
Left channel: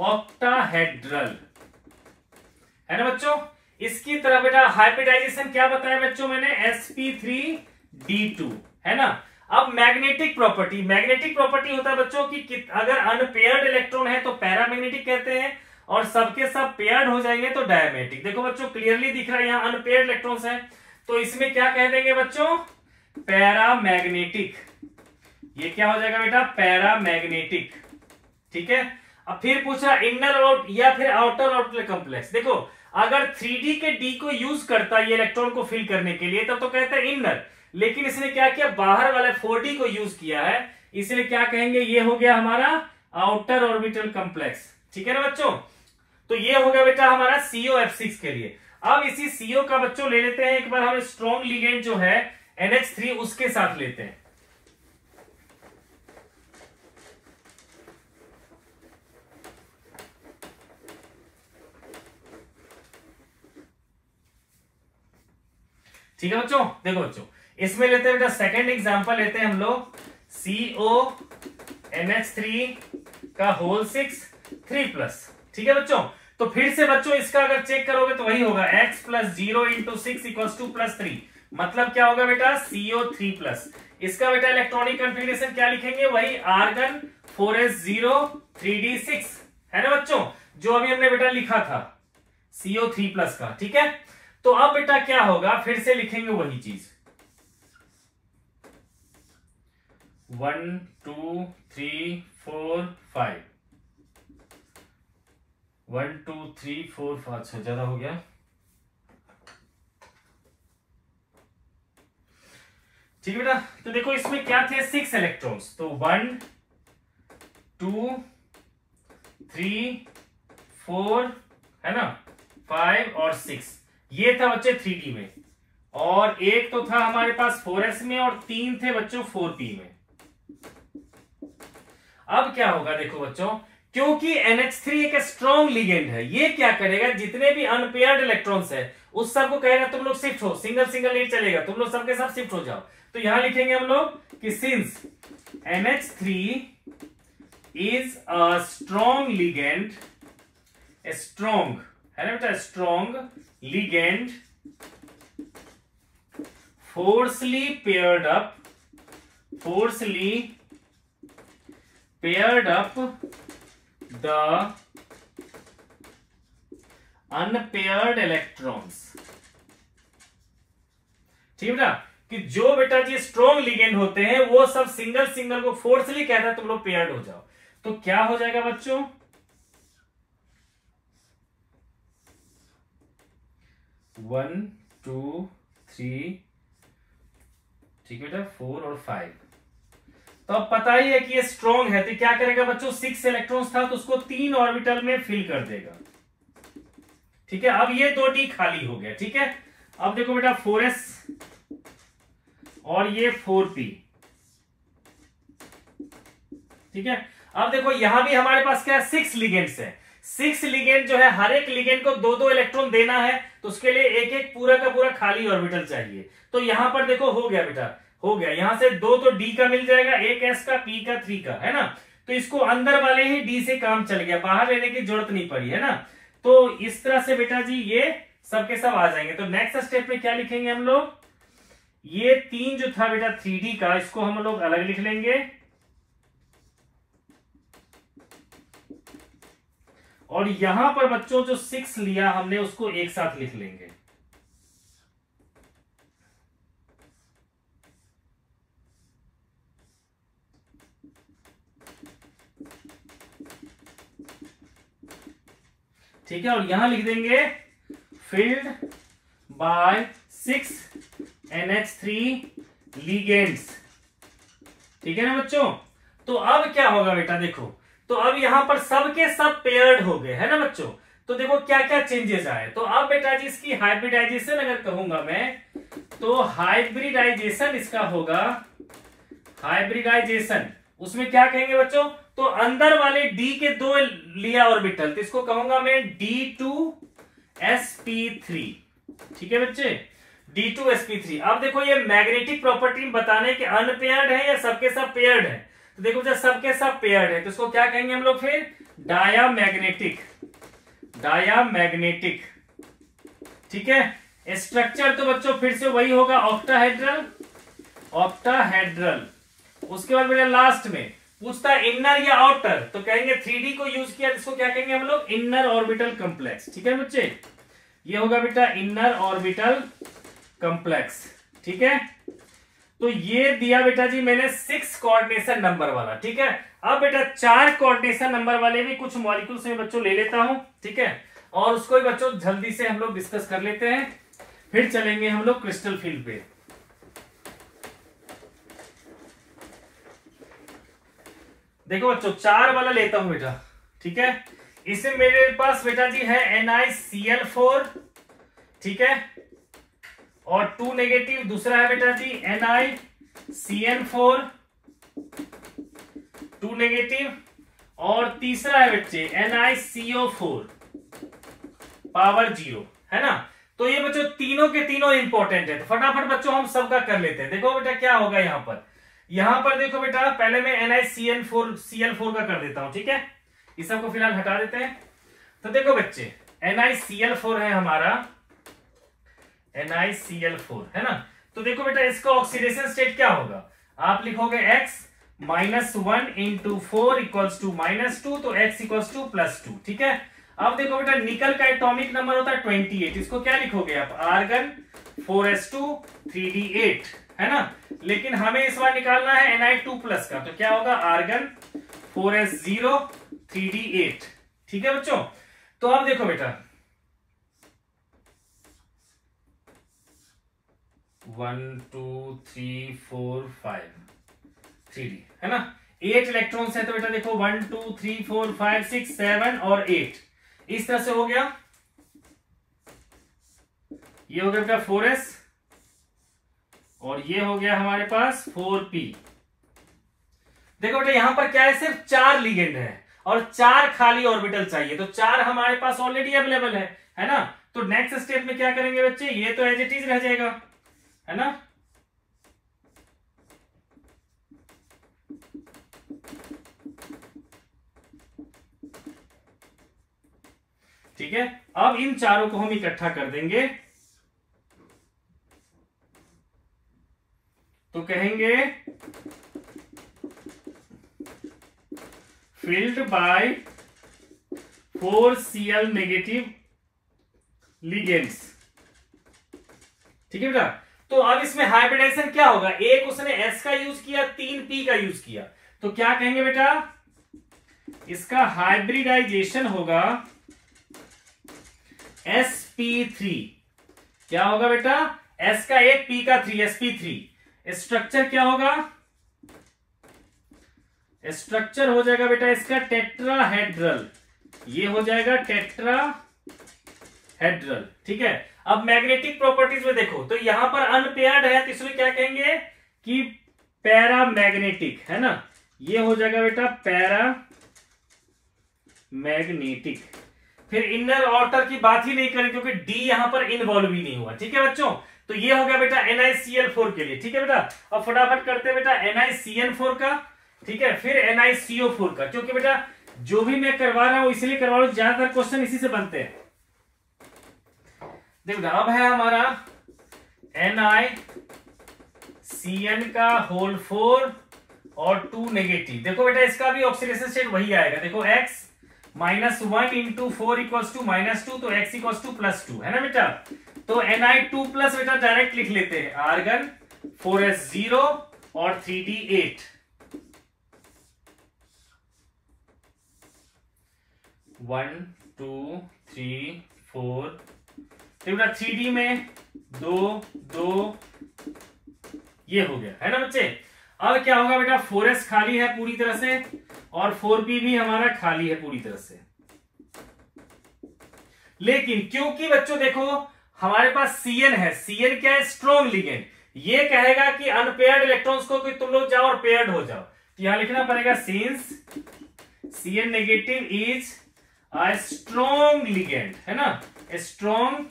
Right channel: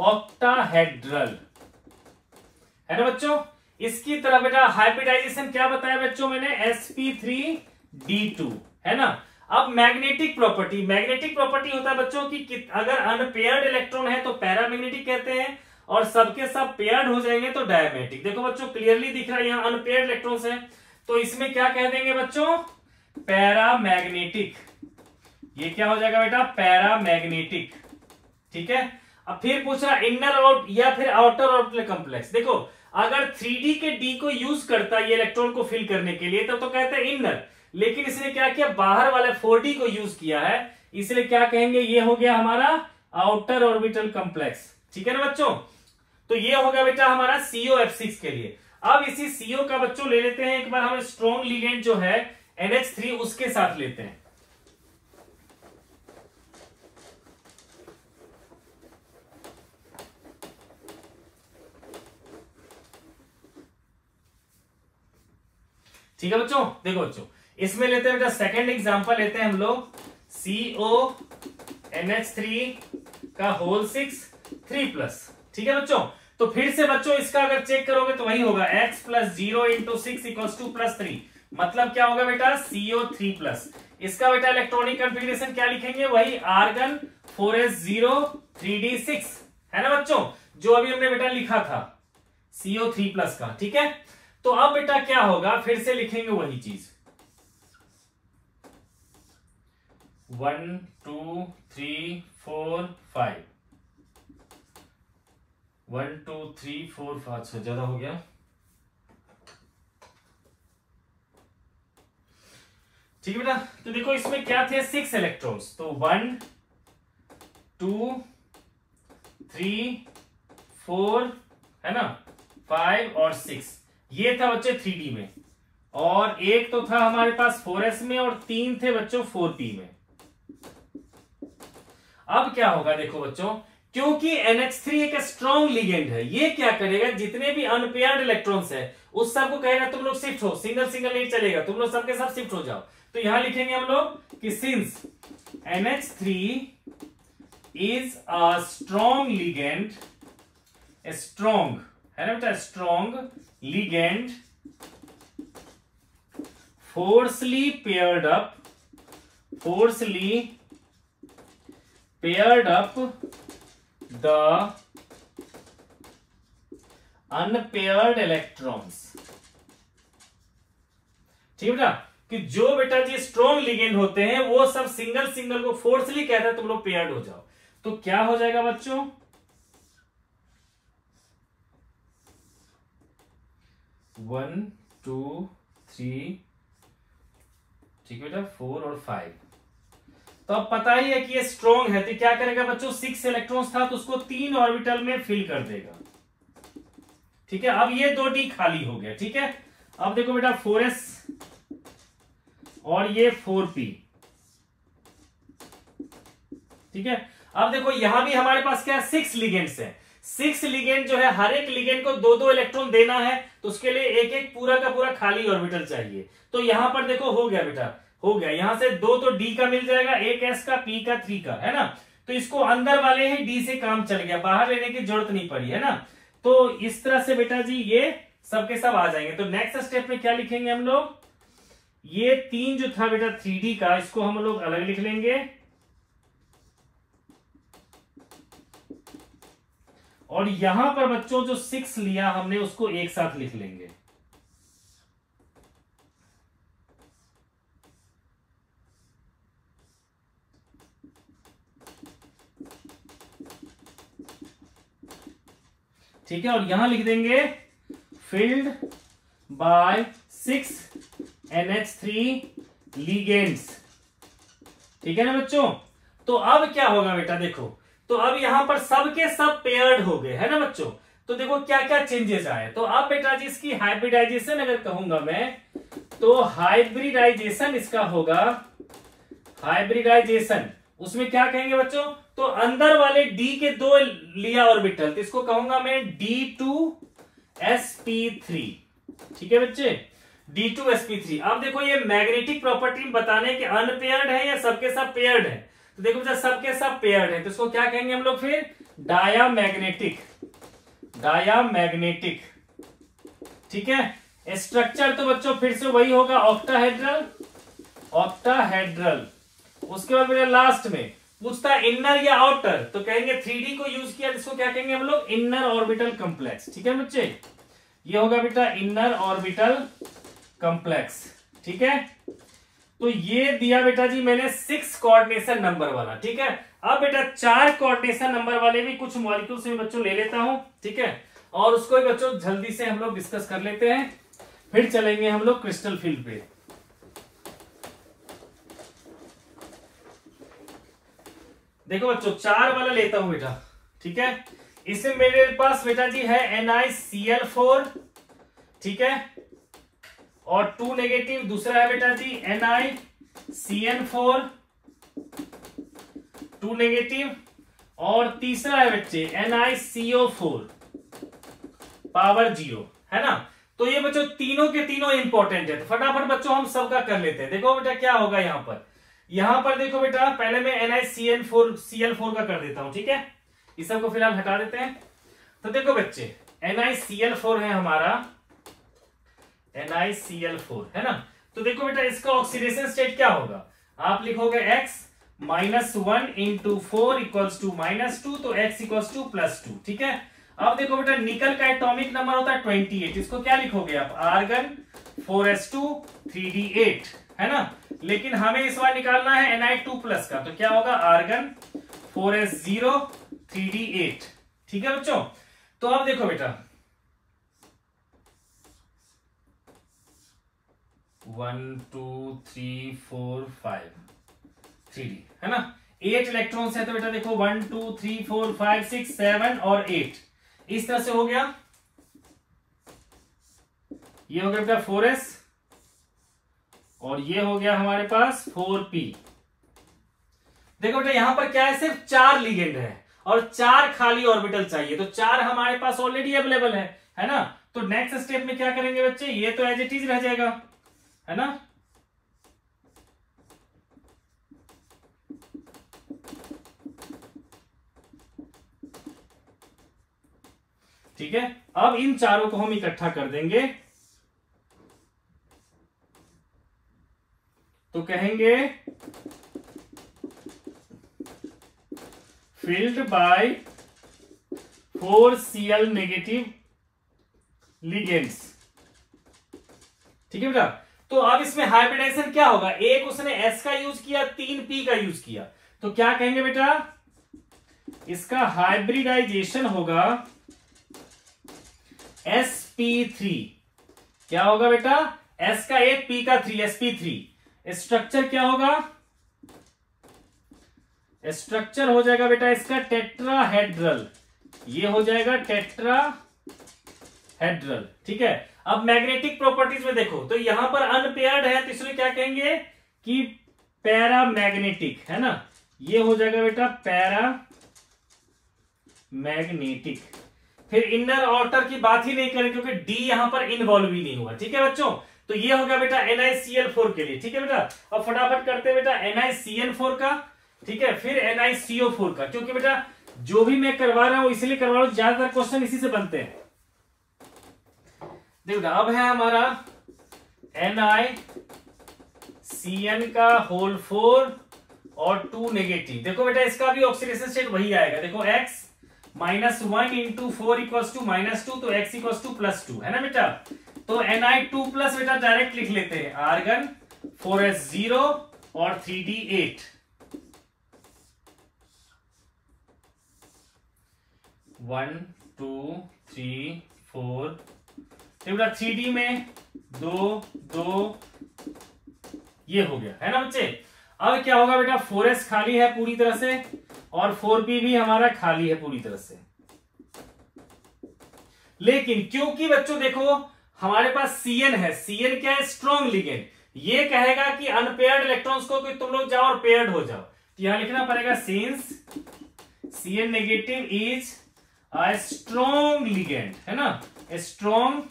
ऑक्टाहेड्रल, है ना बच्चों। इसकी तरह बेटा हाइब्रिडाइजेशन क्या बताया बच्चों मैंने, sp3d2, है ना। अब मैग्नेटिक प्रॉपर्टी होता है बच्चों की अगर अनपेयर्ड इलेक्ट्रॉन है तो पैरामैग्नेटिक कहते हैं, और सबके सब पेयर्ड हो जाएंगे तो डायमैग्नेटिक। देखो बच्चों क्लियरली दिख रहा है यहाँ अनपेयर्ड इलेक्ट्रॉन्स है, तो इसमें क्या कह देंगे बच्चों, पैरामैग्नेटिक। ये क्या हो जाएगा बेटा, पैरामैग्नेटिक। ठीक है, अब फिर पूछा इनर आउट या फिर आउटर ऑर्बिटल कॉम्प्लेक्स। देखो अगर 3D के D को यूज करता है ये इलेक्ट्रॉन को फिल करने के लिए तब तो कहता है इनर, लेकिन इसने क्या किया, बाहर वाले 4D को यूज किया है, इसलिए क्या कहेंगे, ये हो गया हमारा आउटर ऑर्बिटल कॉम्प्लेक्स। ठीक है ना बच्चों, तो ये हो गया बेटा हमारा COF6 के लिए। अब इसी CO का बच्चों ले लेते हैं एक बार, हम स्ट्रॉन्ग लिगेंड जो है NH3 उसके साथ लेते हैं। ठीक है बच्चों, देखो बच्चों इसमें लेते हैं बेटा सेकेंड एग्जांपल लेते हैं हम लोग CONH3 का होल 6 3+। ठीक है बच्चों, तो फिर से बच्चों इसका अगर चेक करोगे तो वही होगा x + 0 × 6 = +3, मतलब क्या होगा बेटा CO3+। इसका बेटा इलेक्ट्रॉनिक कन्फिग्रेशन क्या लिखेंगे, वही आर्गन 4s0 3d6, है ना बच्चों, जो अभी हमने बेटा लिखा था CO3+ का। ठीक है, तो अब बेटा क्या होगा, फिर से लिखेंगे वही चीज 1 2 3 4 5। 3 4 5 6 ज्यादा हो गया। ठीक है बेटा, तो देखो इसमें क्या थे 6 इलेक्ट्रॉन्स, तो 1 2 3 4 है ना 5 और 6, ये था बच्चे 3D में, और एक तो था हमारे पास 4s में, और 3 थे बच्चों 4p में। अब क्या होगा देखो बच्चों, क्योंकि NH3 एक स्ट्रॉन्ग लिगेंड है, ये क्या करेगा, जितने भी अनपेयर्ड इलेक्ट्रॉन्स है उस सबको कहेगा तुम लोग शिफ्ट हो, सिंगल सिंगल नहीं चलेगा, तुम लोग सबके सब शिफ्ट हो जाओ। तो यहां लिखेंगे हम लोग कि since NH3 is a strong ligand, strong है ना बेटा, strong ligand forcefully paired up the unpaired electrons। ठीक है बेटा, कि जो बेटा जी स्ट्रॉन्ग लिगेंड होते हैं वो सब सिंगल सिंगल को फोर्सली कहता है तुम लोग पेयर्ड हो जाओ। तो क्या हो जाएगा बच्चों, 1 2 3, ठीक है बेटा 4 और 5। तो अब पता ही है कि ये स्ट्रॉन्ग है, तो क्या करेगा बच्चों, 6 इलेक्ट्रॉन्स था तो उसको 3 ऑर्बिटल में फिल कर देगा। ठीक है, अब ये 2d खाली हो गया। ठीक है, अब देखो बेटा 4s और ये 4p। ठीक है, अब देखो यहां भी हमारे पास क्या 6 लिगेंड्स है, 6 लिगेंड जो है हर एक लिगेंड को 2-2 इलेक्ट्रॉन देना है, तो उसके लिए एक एक पूरा का पूरा खाली ऑर्बिटल चाहिए। तो यहां पर देखो हो गया बेटा, हो गया, यहां से 2 तो d का मिल जाएगा, एक s का, p का, 3 का, है ना। तो इसको अंदर वाले ही d से काम चल गया, बाहर लेने की जरूरत नहीं पड़ी, है ना। तो इस तरह से बेटा जी ये सबके सब आ जाएंगे। तो नेक्स्ट स्टेप में क्या लिखेंगे हम लोग, ये 3 जो था बेटा 3d का, इसको हम लोग अलग लिख लेंगे, और यहां पर बच्चों जो 6 लिया हमने उसको एक साथ लिख लेंगे। ठीक है, और यहां लिख देंगे फिल्ड बाय 6 NH3 लिगेंड्स। ठीक है ना बच्चों, तो अब क्या होगा बेटा, देखो तो अब यहां पर सबके सब पेयर्ड हो गए, है ना बच्चों। तो देखो क्या क्या चेंजेस आए। तो अब बेटा जी इसकी हाइब्रिडाइजेशन अगर कहूंगा मैं, तो हाइब्रिडाइजेशन इसका होगा, हाइब्रिडाइजेशन उसमें क्या कहेंगे बच्चों, तो अंदर वाले d के 2 लिया ऑर्बिटल, तो इसको कहूंगा मैं D2sp3। ठीक है बच्चे, D2sp3। अब देखो ये मैग्नेटिक प्रॉपर्टी बताने के अनपेयर्ड है या सबके सब पेयर्ड है, तो देखो जब सबके सब पेयर्ड है तो इसको क्या कहेंगे हम लोग फिर, डायामैग्नेटिक, डायामैग्नेटिक। ठीक है, स्ट्रक्चर तो बच्चों फिर से वही होगा, ऑक्टाहेड्रल, ऑक्टाहेड्रल। उसके बाद बेटा लास्ट में पूछता है इनर या आउटर, तो कहेंगे 3D को यूज किया, इसको क्या कहेंगे हम लोग, इनर ऑर्बिटल कॉम्प्लेक्स। ठीक है बच्चे, ये होगा बेटा इनर ऑर्बिटल कॉम्प्लेक्स। ठीक है, तो ये दिया बेटा जी मैंने 6 कोऑर्डिनेशन नंबर वाला। ठीक है, अब बेटा 4 कोऑर्डिनेशन नंबर वाले भी कुछ मॉलिक्यूल्स में बच्चों ले लेता हूं। ठीक है, और उसको भी बच्चों जल्दी से हम लोग डिस्कस कर लेते हैं, फिर चलेंगे हम लोग क्रिस्टल फील्ड पे। देखो बच्चों 4 वाला लेता हूं बेटा। ठीक है, इसमें मेरे पास बेटा जी है NiCl4। ठीक है, और 2 नेगेटिव, दूसरा है बेटा जी NiCN4 2 नेगेटिव, और तीसरा है बच्चे NiCO4 पावर 0, है ना। तो ये बच्चों तीनों के तीनों इंपॉर्टेंट है, तो फटाफट बच्चों हम सबका कर लेते हैं। देखो बेटा क्या होगा यहां पर देखो बेटा, पहले मैं NiCl4 का कर देता हूं। ठीक है, इस सबको फिलहाल हटा देते हैं। तो देखो बच्चे NiCl4 है हमारा, NiCl4 है ना। तो देखो बेटा इसका ऑक्सीडेशन स्टेट क्या होगा, आप लिखोगे x -1 × 4 = -2, तो x = +2। ठीक है, अब देखो बेटा निकल का एटॉमिक नंबर होता है 28, इसको क्या लिखोगे आप, आर्गन 4s2 3d8, है ना। लेकिन हमें इस बार निकालना है Ni2+ का, तो क्या होगा, आर्गन 4s0 3d8। ठीक है बच्चों, तो अब देखो बेटा 1 2 3 4 5 3D है ना, 8 इलेक्ट्रॉन्स है। तो बेटा देखो 1 2 3 4 5 6 7 और 8 इस तरह से हो गया। ये हो गया बेटा 4s और ये हो गया हमारे पास 4p। देखो बेटा यहां पर क्या है, सिर्फ 4 लिगेंड है और 4 खाली ऑर्बिटल चाहिए, तो 4 हमारे पास ऑलरेडी अवेलेबल है ना। तो नेक्स्ट स्टेप में क्या करेंगे बच्चे, ये तो एज इट इज रह जाएगा, है ना। ठीक है, अब इन चारों को हम इकट्ठा कर देंगे तो कहेंगे filled by 4 Cl negative ligands. ठीक है बेटा, तो अब इसमें हाइब्रिडाइजेशन क्या होगा, एक उसने S का यूज किया, 3 P का यूज किया, तो क्या कहेंगे बेटा, इसका हाइब्रिडाइजेशन होगा sp3। क्या होगा बेटा, S का 1 P का 3 sp3। स्ट्रक्चर क्या होगा, स्ट्रक्चर हो जाएगा बेटा इसका टेट्राहेड्रल, ये हो जाएगा टेट्राहेड्रल। ठीक है, अब मैग्नेटिक प्रॉपर्टीज में देखो तो यहां पर अनपेयर्ड है, तो इसलिए क्या कहेंगे कि पैरामैग्नेटिक, है ना, ये हो जाएगा बेटा पैरामैग्नेटिक। फिर इनर आउटर की बात ही नहीं करें क्योंकि डी यहां पर इन्वॉल्व ही नहीं हुआ। ठीक है बच्चों, तो ये हो गया बेटा NiCl4 के लिए। ठीक है बेटा, अब फटाफट करते हैं बेटा NiCl4 का। ठीक है, फिर NiCO4 का, क्योंकि बेटा जो भी मैं करवा रहा हूं इसलिए करवा रहा हूं, ज्यादातर क्वेश्चन इसी से बनते हैं। देखो अब है हमारा NiCN का होल 4 और 2 नेगेटिव। देखो बेटा इसका भी ऑक्सीडेशन स्टेट वही आएगा, देखो x -1 इंटू 4 इक्वल्स टू -2, तो x इक्वल्स टू +2, है ना बेटा। तो Ni2+ बेटा डायरेक्ट लिख लेते हैं, आर्गन 4s0 और 3d8। 1 2 3 4, तो बेटा 3d में 2 2 ये हो गया, है ना बच्चे। अब क्या होगा बेटा, 4s खाली है पूरी तरह से और 4p भी हमारा खाली है पूरी तरह से। लेकिन क्योंकि बच्चों देखो हमारे पास Cn है, Cn क्या है, स्ट्रॉन्ग लिगेंड, ये कहेगा कि अनपेयर्ड इलेक्ट्रॉन्स को कि तुम लोग जाओ और पेयर्ड हो जाओ, तो यहां लिखना पड़ेगा since Cn negative is a strong ligand, है ना, strong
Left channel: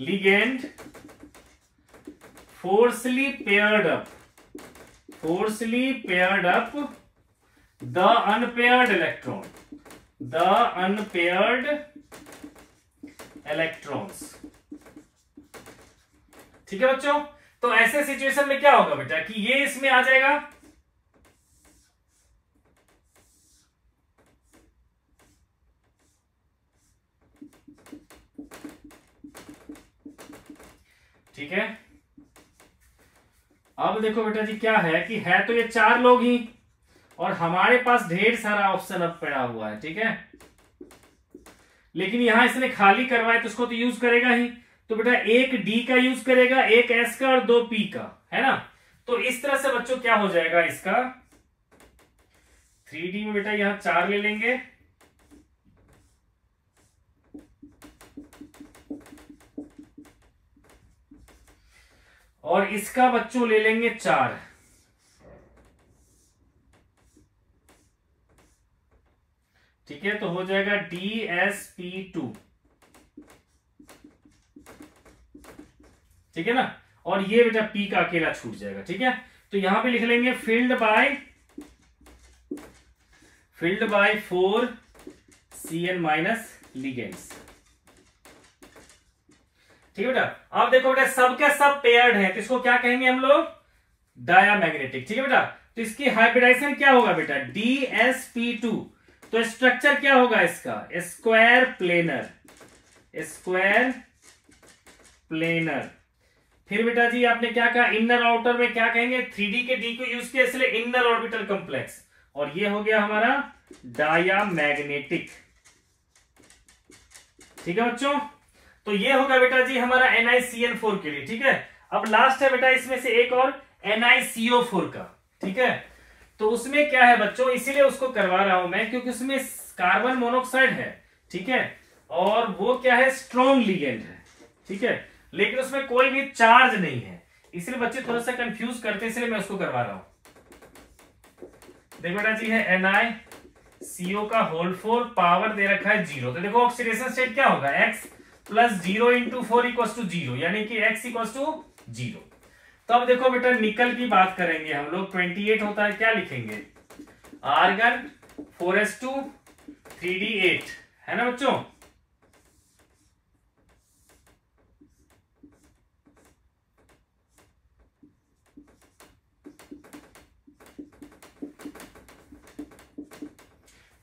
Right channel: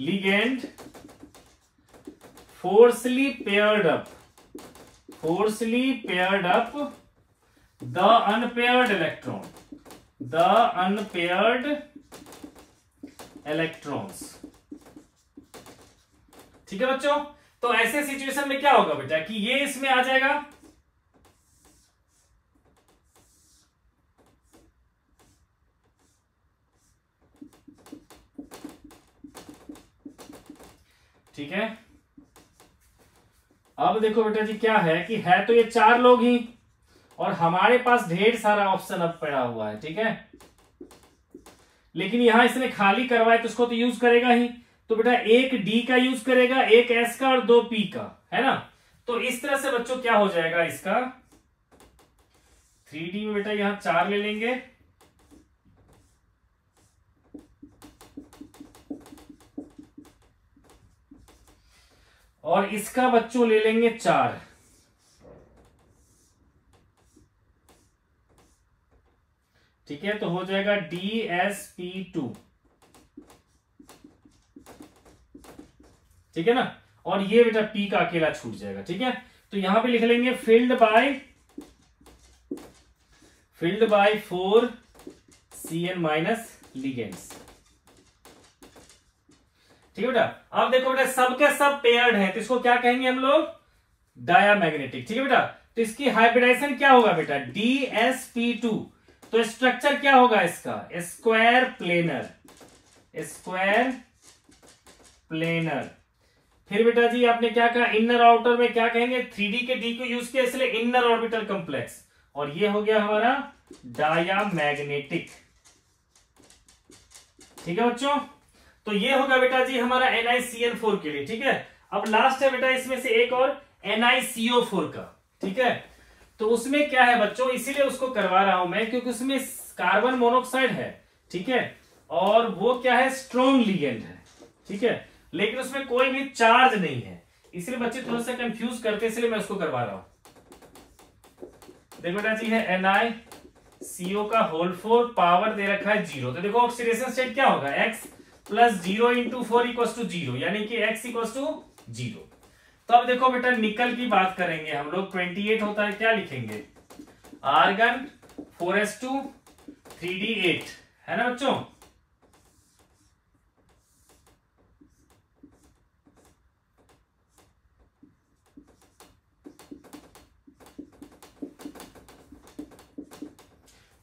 ligand forcefully paired up the unpaired electrons. ठीक है बच्चों, तो ऐसे सिचुएशन में क्या होगा बेटा कि ये इसमें आ जाएगा, ठीक है। अब देखो बेटा जी क्या है कि है तो ये 4 लोग ही और हमारे पास ढेर सारा ऑप्शन अब पड़ा हुआ है। ठीक है, लेकिन यहां इसने खाली करवाए तो उसको तो यूज करेगा ही, तो बेटा एक डी का यूज करेगा, एक एस का और 2 पी का, है ना। तो इस तरह से बच्चों क्या हो जाएगा इसका 3D में बेटा यहां 4 ले लेंगे और इसका बच्चों ले लेंगे 4। ठीक है, तो हो जाएगा DsP2। ठीक है ना, और ये बेटा P का अकेला छूट जाएगा। ठीक है, तो यहां पे लिख लेंगे फिल्ड बाय 4 Cn- लिगेंड्स। ठीक है बेटा, अब देखो बेटा सबके सब पेयर्ड है, तो इसको क्या कहेंगे हम लोग, डायामैग्नेटिक। ठीक है बेटा, तो इसकी हाइब्रिडाइजेशन क्या होगा बेटा, DsP2। तो स्ट्रक्चर क्या होगा इसका, स्क्वायर प्लेनर। फिर बेटा जी आपने क्या कहा, इनर आउटर में क्या कहेंगे, 3D के D को यूज किया इसलिए इनर ऑर्बिटल कॉम्प्लेक्स, और ये हो गया हमारा डायामैग्नेटिक। ठीक है बच्चों, तो ये होगा बेटा जी हमारा NiCN4 के लिए। ठीक है, अब लास्ट है बेटा इसमें से एक और NiCO4 का। ठीक है, तो उसमें क्या है बच्चों, इसीलिए उसको करवा रहा हूं मैं क्योंकि उसमें कार्बन मोनोऑक्साइड है। ठीक है, और वो क्या है, स्ट्रॉन्ग लिगेंड है। ठीक है, लेकिन उसमें कोई भी चार्ज नहीं है, इसलिए बच्चे थोड़ा सा कंफ्यूज करते हैं, इसलिए मैं उसको करवा रहा हूं। देखो बेटा जी है NiCO का होल 4, पावर दे रखा है 0। तो देखो ऑक्सीडेशन स्टेट क्या होगा, x plus 0 into 4 equals to 0, यानी कि x इक्वल्स टू 0। तो अब देखो बेटा निकल की बात करेंगे हम लोग, 28 होता है, क्या लिखेंगे, आर्गन 4s2 3d8, है ना बच्चों।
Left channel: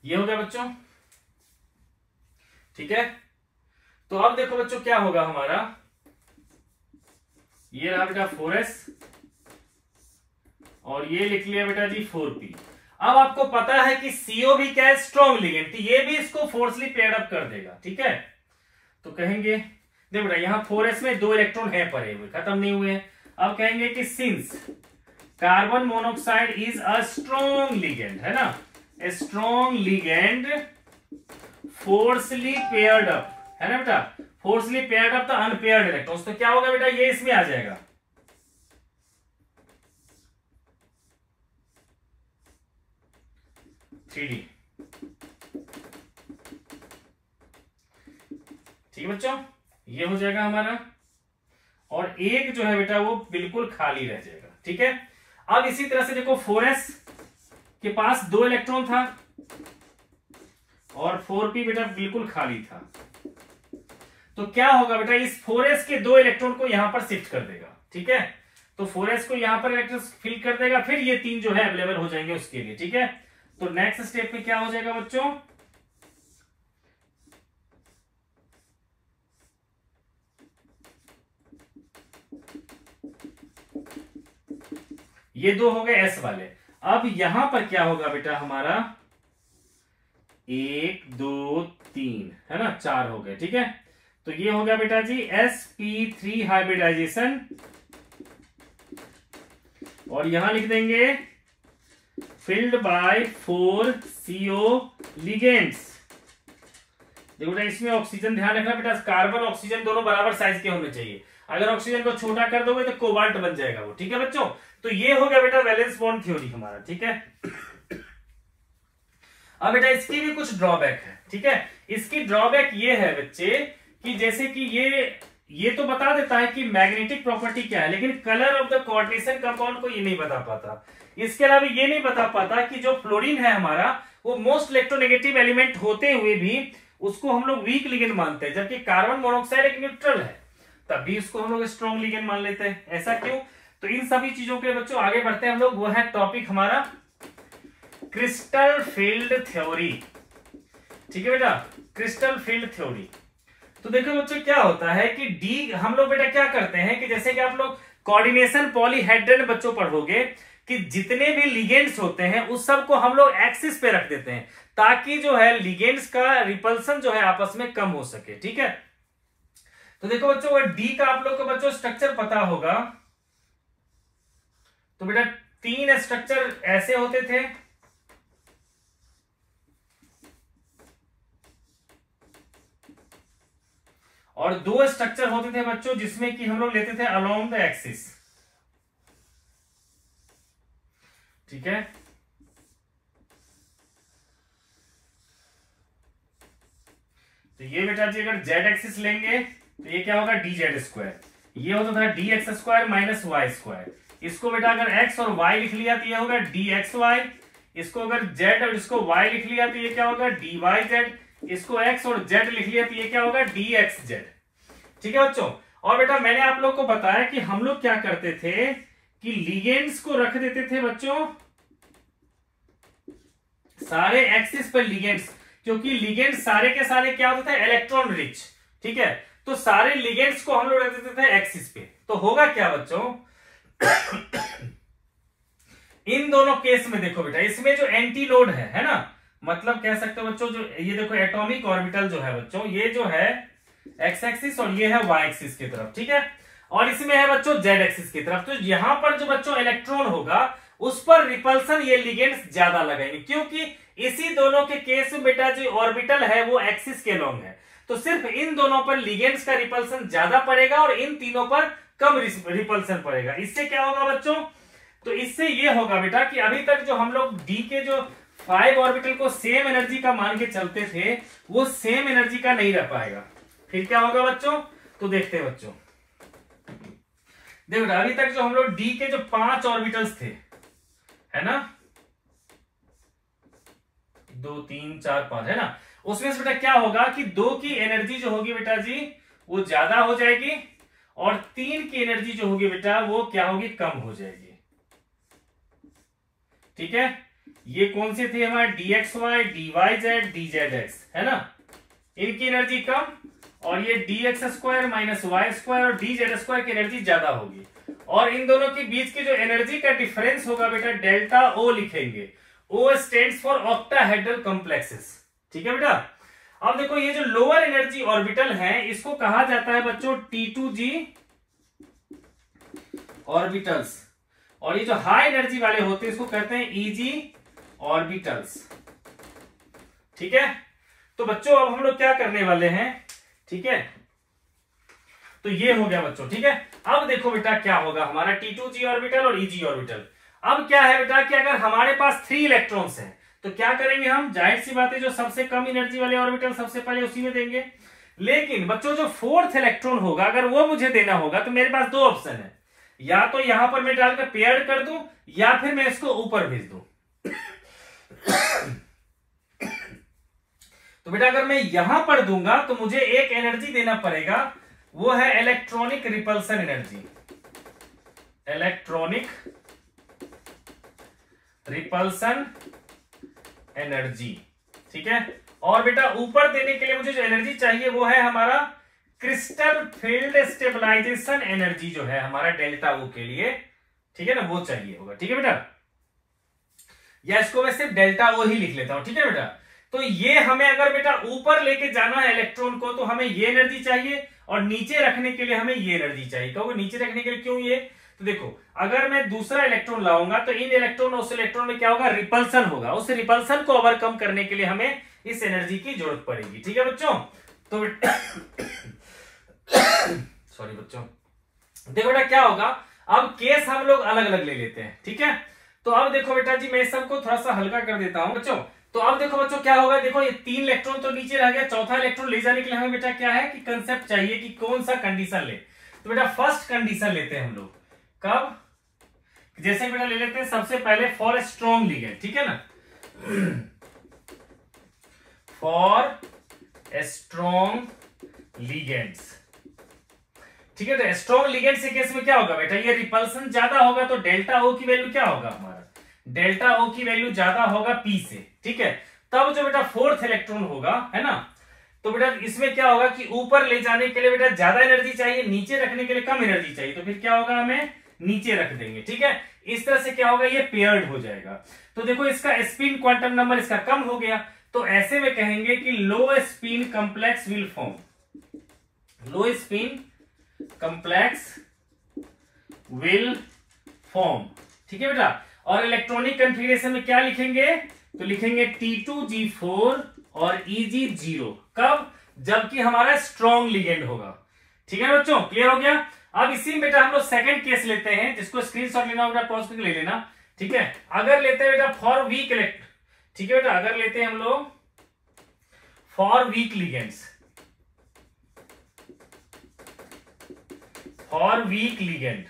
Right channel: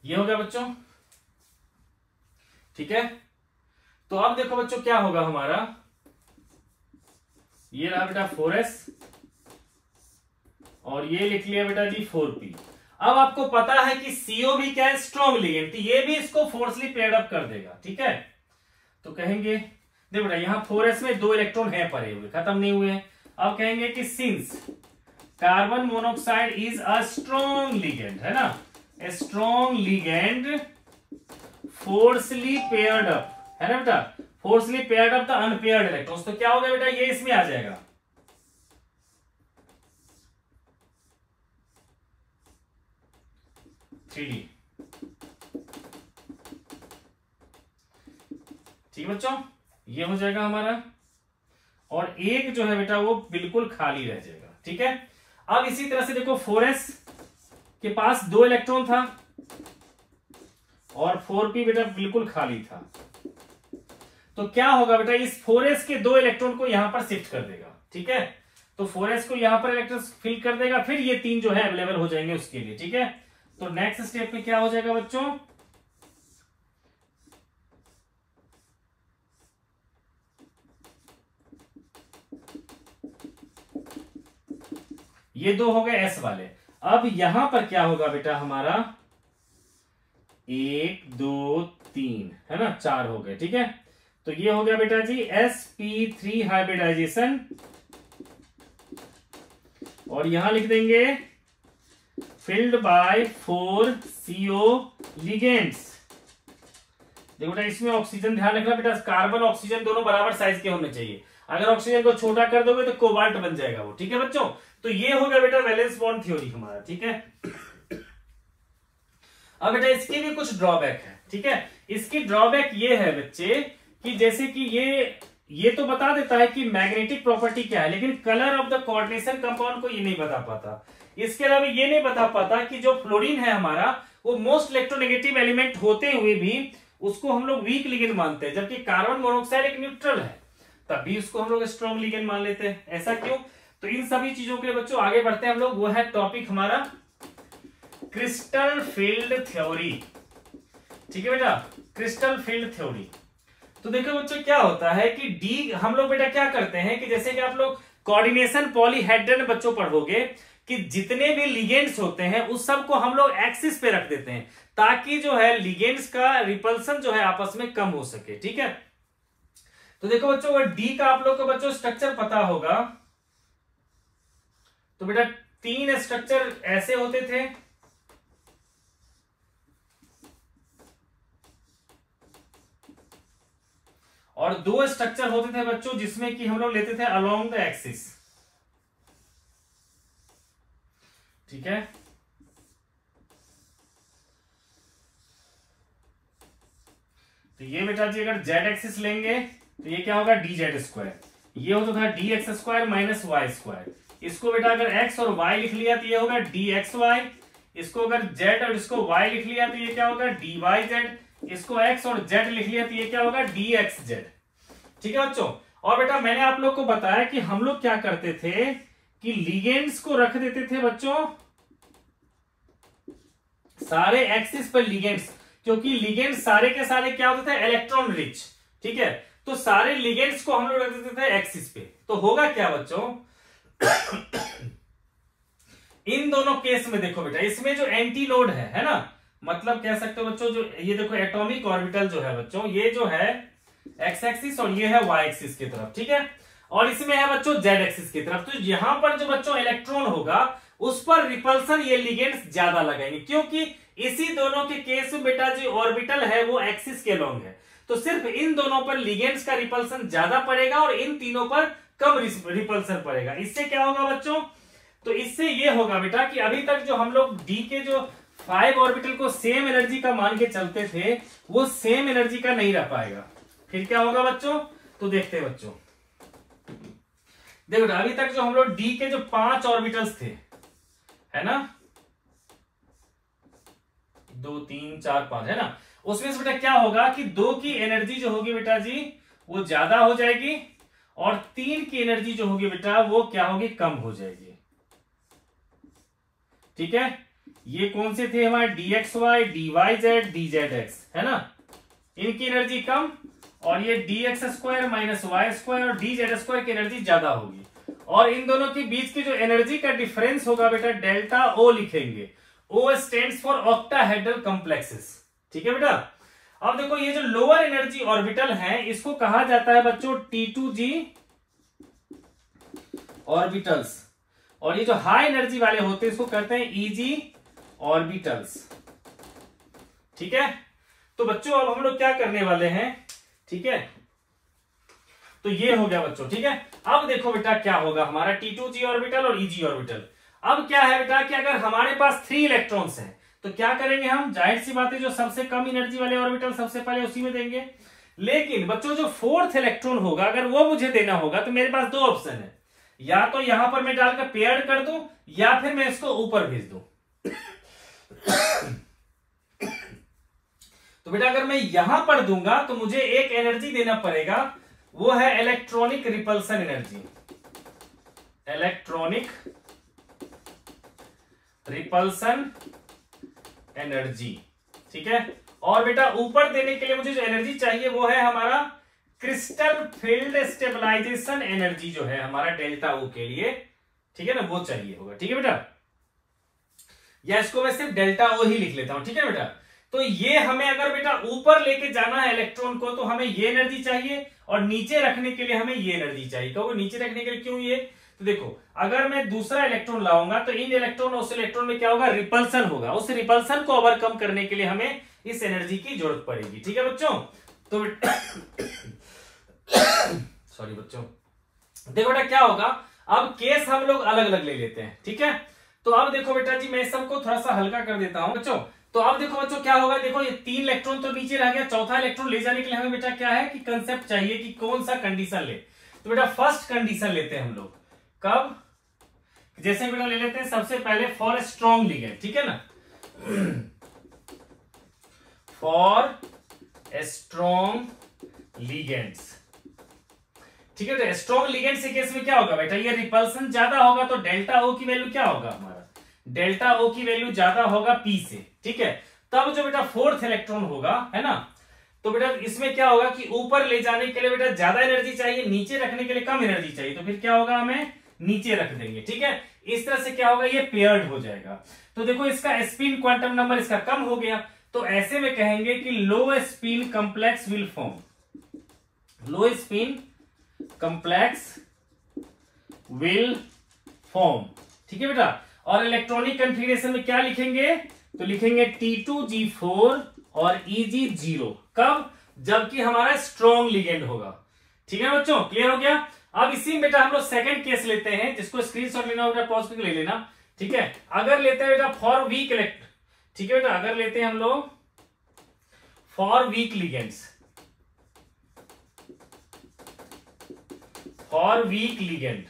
ये हो गया बच्चों। ठीक है, तो अब देखो बच्चों क्या होगा हमारा, ये रहा बेटा 4s और ये लिख लिया बेटा जी 4p। अब आपको पता है कि CO भी क्या है, स्ट्रॉन्ग लिगेंड, ये भी इसको फोर्सली पेयर्ड अप कर देगा। ठीक है, तो कहेंगे देखो बेटा यहां 4s में 2 इलेक्ट्रॉन है पड़े हुए, खत्म नहीं हुए हैं। अब कहेंगे कि since carbon monoxide is a strong ligand, है ना, a strong ligand forcefully paired up, है ना बेटा, forcefully paired up the unpaired electrons. तो क्या होगा बेटा, ये इसमें आ जाएगा, थ्री। ठीक है बच्चों, ये हो जाएगा हमारा, और एक जो है बेटा वो बिल्कुल खाली रह जाएगा। ठीक है, अब इसी तरह से देखो 4s के पास 2 इलेक्ट्रॉन था और 4p बेटा बिल्कुल खाली था। तो क्या होगा बेटा, इस 4s के 2 इलेक्ट्रॉन को यहां पर शिफ्ट कर देगा। ठीक है, तो 4s को यहां पर इलेक्ट्रॉन फिल कर देगा, फिर ये 3 जो है अवेलेबल हो जाएंगे उसके लिए। ठीक है, तो नेक्स्ट स्टेप में क्या हो जाएगा बच्चों, ये 2 हो गए S वाले। अब यहां पर क्या होगा बेटा हमारा, 1 2 3, है ना, 4 हो गए। ठीक है, तो ये हो गया बेटा जी sp3 हाइब्रिडाइजेशन, और यहां लिख देंगे फिल्ड बाय 4 CO लिगेंड्स। देखो बेटा इसमें ऑक्सीजन ध्यान रखना बेटा, कार्बन ऑक्सीजन दोनों बराबर साइज के होने चाहिए, अगर ऑक्सीजन को छोटा कर दोगे तो कोबाल्ट बन जाएगा वो। ठीक है बच्चों, तो ये हो गया बेटा वैलेंस बॉन्ड थ्योरी हमारा। ठीक है, अब बेटा इसकी भी कुछ ड्रॉबैक है। ठीक है, इसकी ड्रॉबैक ये है बच्चे कि जैसे कि ये तो बता देता है कि मैग्नेटिक प्रॉपर्टी क्या है, लेकिन colour of the coordination compound को ये नहीं बता पाता। इसके अलावा ये नहीं बता पाता कि जो फ्लोरीन है हमारा वो मोस्ट इलेक्ट्रोनेगेटिव एलिमेंट होते हुए भी उसको हम लोग वीक लिगेंड मानते हैं, जबकि कार्बन मोनोऑक्साइड एक न्यूट्रल है, तब भी उसको हम लोग स्ट्रॉन्ग लिगेंड मान लेते हैं। ऐसा क्यों? तो इन सभी चीजों के बच्चों आगे बढ़ते हैं हम लोग, वो है टॉपिक हमारा क्रिस्टल फील्ड थ्योरी। ठीक है बेटा, क्रिस्टल फील्ड थ्योरी। तो देखो बच्चों क्या होता है कि डी हम लोग बेटा क्या करते हैं कि जैसे कि आप लोग कोऑर्डिनेशन पॉलीहेड्रल बच्चों पढ़ोगे कि जितने भी लिगेंड्स होते हैं उस सब को हम लोग एक्सिस पे रख देते हैं ताकि जो है लिगेंड्स का रिपल्सन जो है आपस में कम हो सके। ठीक है, तो देखो बच्चों अगर डी का आप लोग को बच्चों स्ट्रक्चर पता होगा तो बेटा 3 स्ट्रक्चर ऐसे होते थे, और 2 स्ट्रक्चर होते थे बच्चों जिसमें कि हम लोग लेते थे अलोंग द एक्सिस। ठीक है, तो ये बेटा जी अगर जेड एक्सिस लेंगे तो ये क्या होगा डी जेड स्क्वायर, ये होता था D X square minus Y square. इसको बेटा अगर एक्स और वाई लिख लिया तो ये होगा डी एक्स वाई, इसको अगर जेड और इसको वाई लिख लिया तो ये क्या होगा डी वाई जेड, इसको एक्स और जेड लिख लिया तो ये क्या होगा डी एक्स जेड। ठीक है बच्चों, और बेटा मैंने आप लोग को बताया कि हम लोग क्या करते थे कि लिगेंड्स को रख देते थे बच्चों सारे एक्सिस पर लिगेंड्स, क्योंकि लिगेंड सारे के सारे क्या होते थे इलेक्ट्रॉन रिच। ठीक है, तो सारे लिगेंड्स को हम लोग रख देते थे एक्सिस पे। तो होगा क्या बच्चों इन दोनों केस में देखो बेटा इसमें जो एंटी नोड है ना, मतलब कह सकते हो बच्चों जो ये देखो एटॉमिक ऑर्बिटल जो है बच्चों ये जो है एक्स एक्सिस और ये है वाई एक्सिस की तरफ, ठीक है। और इसमें है बच्चों जेड एक्सिस की तरफ। तो यहां पर जो बच्चों इलेक्ट्रॉन होगा उस पर रिपल्सन ये लिगेंड्स ज्यादा लगाएंगे, क्योंकि इसी दोनों के केस में बेटा जो ऑर्बिटल है वो एक्सिस के लॉन्ग है, तो सिर्फ इन दोनों पर लिगेंड्स का रिपल्सन ज्यादा पड़ेगा और इन तीनों पर कम रिपल्सन पड़ेगा। इससे क्या होगा बच्चों, तो इससे ये होगा बेटा कि अभी तक जो हम लोग डी के जो 5 ऑर्बिटल को सेम एनर्जी का मान के चलते थे वो सेम एनर्जी का नहीं रह पाएगा। फिर क्या होगा बच्चों, तो देखते हैं बच्चों। देखो अभी तक जो हम लोग डी के जो 5 ऑर्बिटल्स थे, है ना, 2 3 4 5, है ना, उसमें से बेटा क्या होगा कि 2 की एनर्जी जो होगी बेटा जी वो ज्यादा हो जाएगी और 3 की एनर्जी जो होगी बेटा वो क्या होगी, कम हो जाएगी। ठीक है, ये कौन से थे हमारे, dxy, dyz, dzx, है ना, इनकी एनर्जी कम और ये dx square minus Y square और dz स्क्वायर की एनर्जी ज्यादा होगी। और इन दोनों के बीच की जो एनर्जी का डिफरेंस होगा बेटा डेल्टा ओ लिखेंगे। ओ स्टैंड्स फॉर ऑक्टाहेड्रल कॉम्प्लेक्सेस। ठीक है बेटा। अब देखो ये जो लोअर एनर्जी ऑर्बिटल है इसको कहा जाता है बच्चों T2G ऑर्बिटल्स, और ये जो हाई एनर्जी वाले होते हैं इसको कहते हैं EG ऑर्बिटल्स। ठीक है, तो बच्चों अब हम लोग क्या करने वाले हैं, ठीक है, तो ये हो गया बच्चों। ठीक है, अब देखो बेटा क्या होगा हमारा T2G ऑर्बिटल और EG ऑर्बिटल। अब क्या है बेटा कि अगर हमारे पास 3 इलेक्ट्रॉन्स हैं तो क्या करेंगे हम, जाहिर सी बात है जो सबसे कम एनर्जी वाले ऑर्बिटल सबसे पहले उसी में देंगे। लेकिन बच्चों जो 4th इलेक्ट्रॉन होगा अगर वो मुझे देना होगा तो मेरे पास 2 ऑप्शन है, या तो यहां पर मैं डालकर पेयर्ड कर दूं या फिर मैं इसको ऊपर भेज दूं। तो बेटा अगर मैं यहां पर दूंगा तो मुझे एक एनर्जी देना पड़ेगा, वो है electronic repulsion energy, electronic repulsion energy. ठीक है, और बेटा ऊपर देने के लिए मुझे जो एनर्जी चाहिए वो है हमारा क्रिस्टल फील्ड स्टेबलाइजेशन एनर्जी, जो है हमारा डेल्टा ओ के लिए, ठीक है ना, वो चाहिए होगा। ठीक है बेटा, या इसको मैं सिर्फ डेल्टा ओ ही लिख लेता हूं। ठीक है बेटा, तो ये हमें अगर बेटा ऊपर लेके जाना है इलेक्ट्रॉन को तो हमें ये एनर्जी चाहिए और नीचे रखने के लिए हमें ये एनर्जी चाहिए। कहोगे नीचे रखने के लिए क्यों ये, तो देखो अगर मैं दूसरा इलेक्ट्रॉन लाऊंगा तो इन इलेक्ट्रॉन और उस इलेक्ट्रॉन में क्या होगा, रिपल्सन होगा। उस रिपल्सन को ओवरकम करने के लिए हमें इस एनर्जी की जरूरत पड़ेगी। ठीक है बच्चों, तो सॉरी बच्चों, देखो बेटा क्या होगा, अब केस हम लोग अलग अलग ले लेते हैं। ठीक है, तो अब देखो बेटा जी मैं सबको थोड़ा सा हल्का कर देता हूं बच्चों। तो अब देखो बच्चों क्या होगा, देखो ये 3 इलेक्ट्रॉन तो नीचे रह गया, चौथा इलेक्ट्रॉन ले जाने के लिए हमें बेटा क्या है कि कंसेप्ट चाहिए कि कौन सा कंडीशन ले। तो बेटा फर्स्ट कंडीशन लेते हैं हम लोग, कब, जैसे बेटा ले लेते हैं सबसे पहले फॉर स्ट्रॉन्ग लिगेंड। ठीक है ना, फॉर स्ट्रॉन्ग लिगेंड्स। ठीक है, तो स्ट्रॉन्ग लिगेंड्स के केस में क्या होगा बेटा, ये रिपल्सन ज्यादा होगा तो डेल्टा ओ की वैल्यू क्या होगा हमारा, डेल्टा ओ की वैल्यू ज्यादा होगा पी से। ठीक है, तब जो बेटा 4th इलेक्ट्रॉन होगा, है ना, तो बेटा इसमें क्या होगा कि ऊपर ले जाने के लिए बेटा ज्यादा एनर्जी चाहिए, नीचे रखने के लिए कम एनर्जी चाहिए, तो फिर क्या होगा हमें नीचे रख देंगे। ठीक है, इस तरह से क्या होगा, ये पेयर्ड हो जाएगा। तो देखो इसका स्पिन क्वांटम नंबर इसका कम हो गया, तो ऐसे में कहेंगे कि लो spin complex will form, low spin complex will form. ठीक है बेटा, और इलेक्ट्रॉनिक कॉन्फ़िगरेशन में क्या लिखेंगे, तो लिखेंगे T2G4 और EG0। कब, जबकि हमारा स्ट्रॉन्ग लिगेंड होगा। ठीक है बच्चों, क्लियर हो गया। अब इसी में बेटा हम लोग सेकंड केस लेते हैं, जिसको स्क्रीनशॉट लेना होगा पॉज करके ले लेना। ठीक है, अगर लेते हैं बेटा फॉर वीक इलेक्ट, ठीक है बेटा, अगर लेते हैं हम लोग for weak ligands, for weak ligand,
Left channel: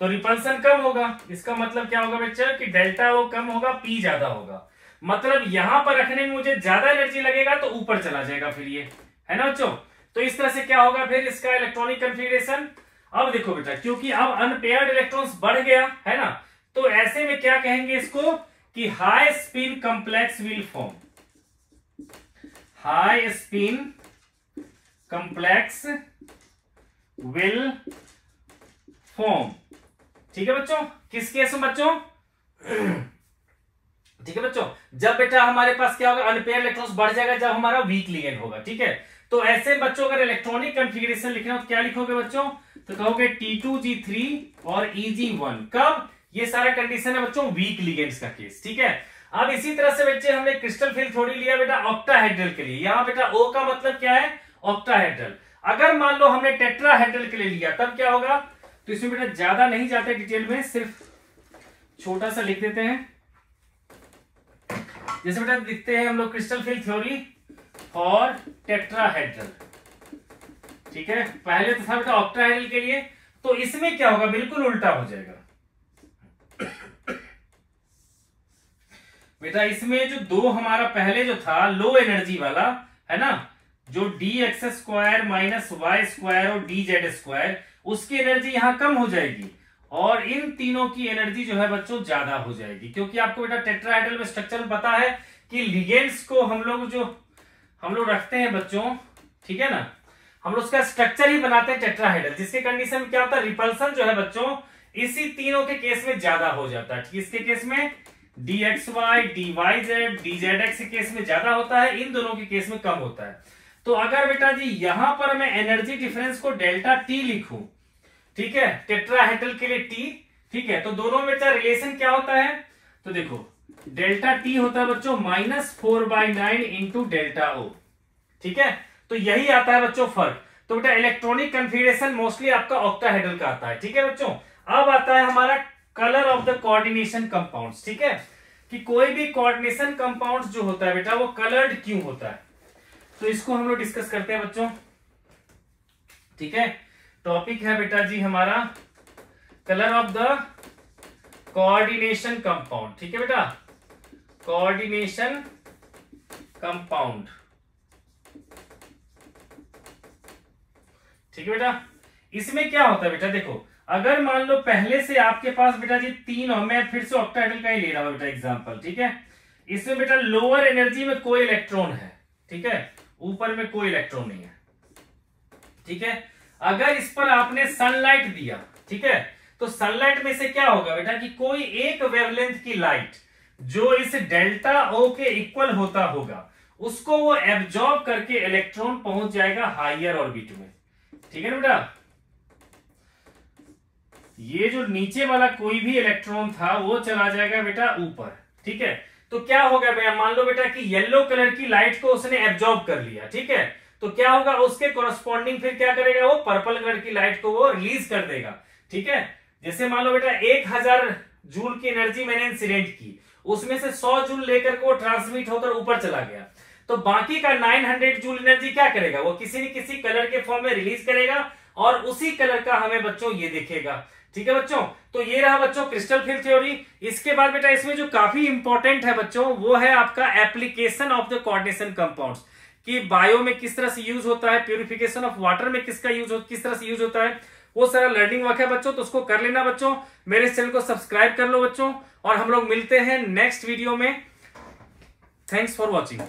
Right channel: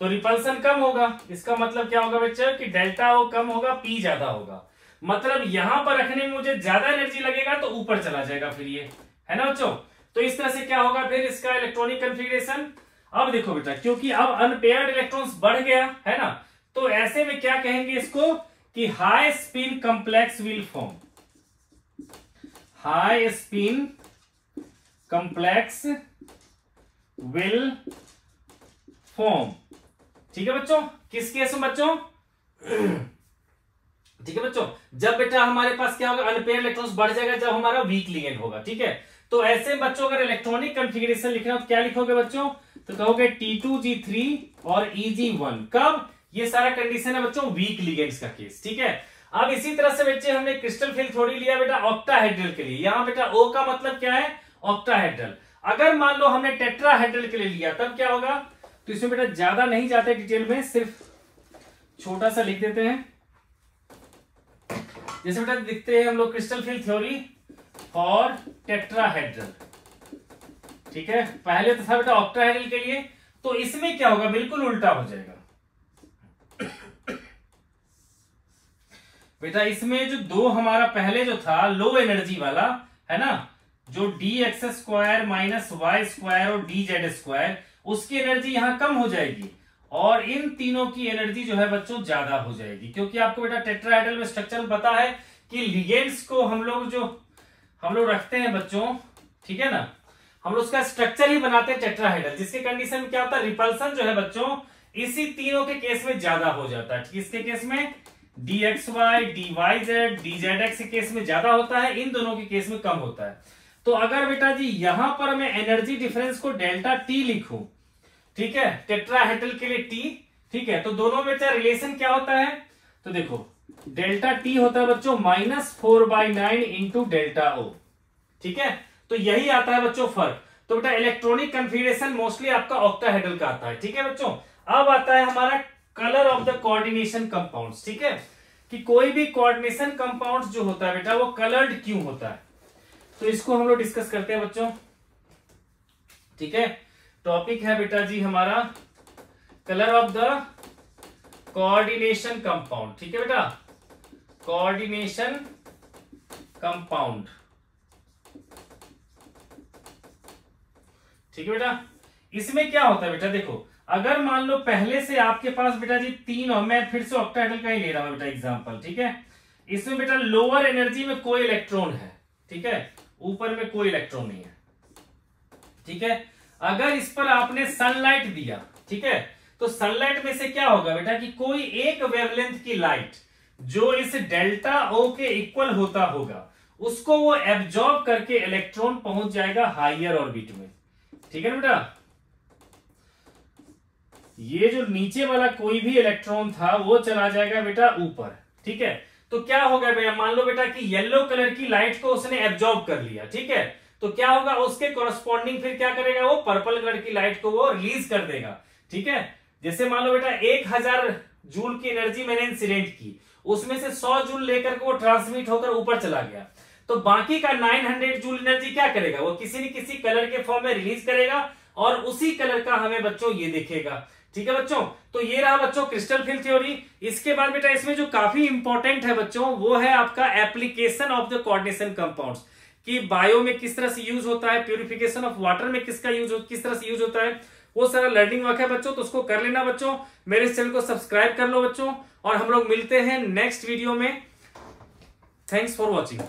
तो रिपल्सन कम होगा। इसका मतलब क्या होगा बच्चा कि डेल्टा ओ कम होगा, पी ज्यादा होगा। मतलब यहां पर रखने में मुझे ज्यादा एनर्जी लगेगा तो ऊपर चला जाएगा फिर ये, है ना बच्चों। तो इस तरह से क्या होगा फिर इसका इलेक्ट्रॉनिक कॉन्फ़िगरेशन। अब देखो बेटा, क्योंकि अब अनपेयर्ड इलेक्ट्रॉन्स बढ़ गया, है ना, तो ऐसे में क्या कहेंगे इसको कि high spin complex will form, high spin complex will form. ठीक है बच्चों, किस केस में बच्चों, ठीक है बच्चों, जब बेटा हमारे पास क्या होगा, अनपेयर इलेक्ट्रॉन्स बढ़ जाएगा जब हमारा वीक लिगेंड होगा। ठीक है, तो ऐसे बच्चों अगर इलेक्ट्रॉनिक कॉन्फ़िगरेशन लिखना हो तो क्या लिखोगे बच्चों, तो कहोगे T2G3 और Eg1। कब, ये सारा कंडीशन है बच्चों वीक लिगेंड्स का केस, ठीक है। अब इसी तरह से बच्चे हमने क्रिस्टल फील्ड थ्योरी लिया बेटा ऑक्टाहेड्रल के लिए। यहां बेटा O का मतलब क्या है, ऑक्टाहेड्रल। अगर मान लो हमने टेट्राहेड्रल के लिए लिया तब क्या होगा, तो इसमें बेटा ज्यादा नहीं जाते डिटेल में, सिर्फ छोटा सा लिख देते हैं। जैसे बेटा लिखते हैं हम लोग क्रिस्टल फील्ड थ्योरी और टेट्राहेड्रल, ठीक है। पहले तो था बेटा ऑक्टाहेड्रल के लिए, तो इसमें क्या होगा, बिल्कुल उल्टा हो जाएगा बेटा। इसमें जो दो हमारा पहले जो था लो एनर्जी वाला है ना, जो dx² माइनस y² और dz², उसकी एनर्जी यहां कम हो जाएगी और इन तीनों की एनर्जी जो है बच्चों ज्यादा हो जाएगी। क्योंकि आपको बेटा टेट्राहेड्रल में स्ट्रक्चर पता है कि लिगेंड्स को हम लोग रखते हैं बच्चों, ठीक है ना, हम लोग उसका स्ट्रक्चर ही बनाते हैं टेट्राहेड्रल, जिसके कंडीशन में क्या होता है, रिपल्सन जो है बच्चों इसी तीनों के केस में ज्यादा हो जाता है। इसके केस में dxy, dyz, dzx के केस में ज्यादा होता है, इन दोनों के केस में कम होता है। तो अगर बेटा जी यहां पर मैं एनर्जी डिफरेंस को डेल्टा टी लिखूं, ठीक है, टेट्राहेड्रल के लिए टी, ठीक है, तो दोनों में रिलेशन क्या होता है, तो देखो डेल्टा टी होता है बच्चों -4/9 इंटू डेल्टा ओ, ठीक है। तो यही आता है बच्चों फर्क। तो बेटा इलेक्ट्रॉनिक कॉन्फ़िगरेशन मोस्टली आपका ऑक्टाहेड्रल का आता है, ठीक है बच्चों। अब आता है हमारा colour of the coordination compounds, ठीक है, कि कोई भी कोऑर्डिनेशन कंपाउंड्स जो होता है बेटा वो कलर्ड क्यों होता है, तो इसको हम लोग डिस्कस करते हैं बच्चों, ठीक है। टॉपिक है बेटा जी हमारा colour of the coordination compound, ठीक है बेटा, कोऑर्डिनेशन कंपाउंड, ठीक है बेटा। इसमें क्या होता है बेटा, देखो अगर मान लो पहले से आपके पास बेटा जी तीन, और मैं फिर से ऑक्टाहेड्रल का ही ले रहा हूं बेटा एग्जांपल, ठीक है। इसमें बेटा लोअर एनर्जी में कोई इलेक्ट्रॉन है, ठीक है, ऊपर में कोई इलेक्ट्रॉन नहीं है, ठीक है। अगर इस पर आपने सनलाइट दिया, ठीक है, तो सनलाइट में से क्या होगा बेटा कि कोई एक वेवलेंथ की लाइट जो इस डेल्टा ओ के इक्वल होता होगा, उसको वो एब्जॉर्ब करके इलेक्ट्रॉन पहुंच जाएगा हायर ऑर्बिट में, ठीक है ना बेटा। ये जो नीचे वाला कोई भी इलेक्ट्रॉन था वो चला जाएगा बेटा ऊपर, ठीक है। तो क्या होगा भैया, मान लो बेटा कि येलो कलर की लाइट को उसने एब्जॉर्ब कर लिया, ठीक है, तो क्या होगा, उसके कॉरस्पॉन्डिंग फिर क्या करेगा, वो पर्पल कलर की लाइट को वो रिलीज कर देगा, ठीक है। जैसे मान लो बेटा 1000 जूल की एनर्जी मैंने इंसिडेंट की, उसमें से 100 जूल लेकर के वो ट्रांसमिट होकर ऊपर चला गया, तो बाकी का 900 जूल एनर्जी क्या करेगा, वो किसी न किसी कलर के फॉर्म में रिलीज करेगा और उसी कलर का हमें बच्चों ये दिखेगा, ठीक है बच्चों। तो ये रहा बच्चों क्रिस्टल फील्ड थ्योरी। इसके बाद बेटा इसमें जो काफी इंपॉर्टेंट है बच्चों वो है आपका application of the coordination compounds, कि बायो में किस तरह से यूज होता है, प्यूरिफिकेशन ऑफ वाटर में किस तरह से यूज होता है, वो सारा लर्निंग वर्क है बच्चों, तो उसको कर लेना बच्चों। मेरे चैनल को सब्सक्राइब कर लो बच्चों, और हम लोग मिलते हैं नेक्स्ट वीडियो में। Thanks for watching.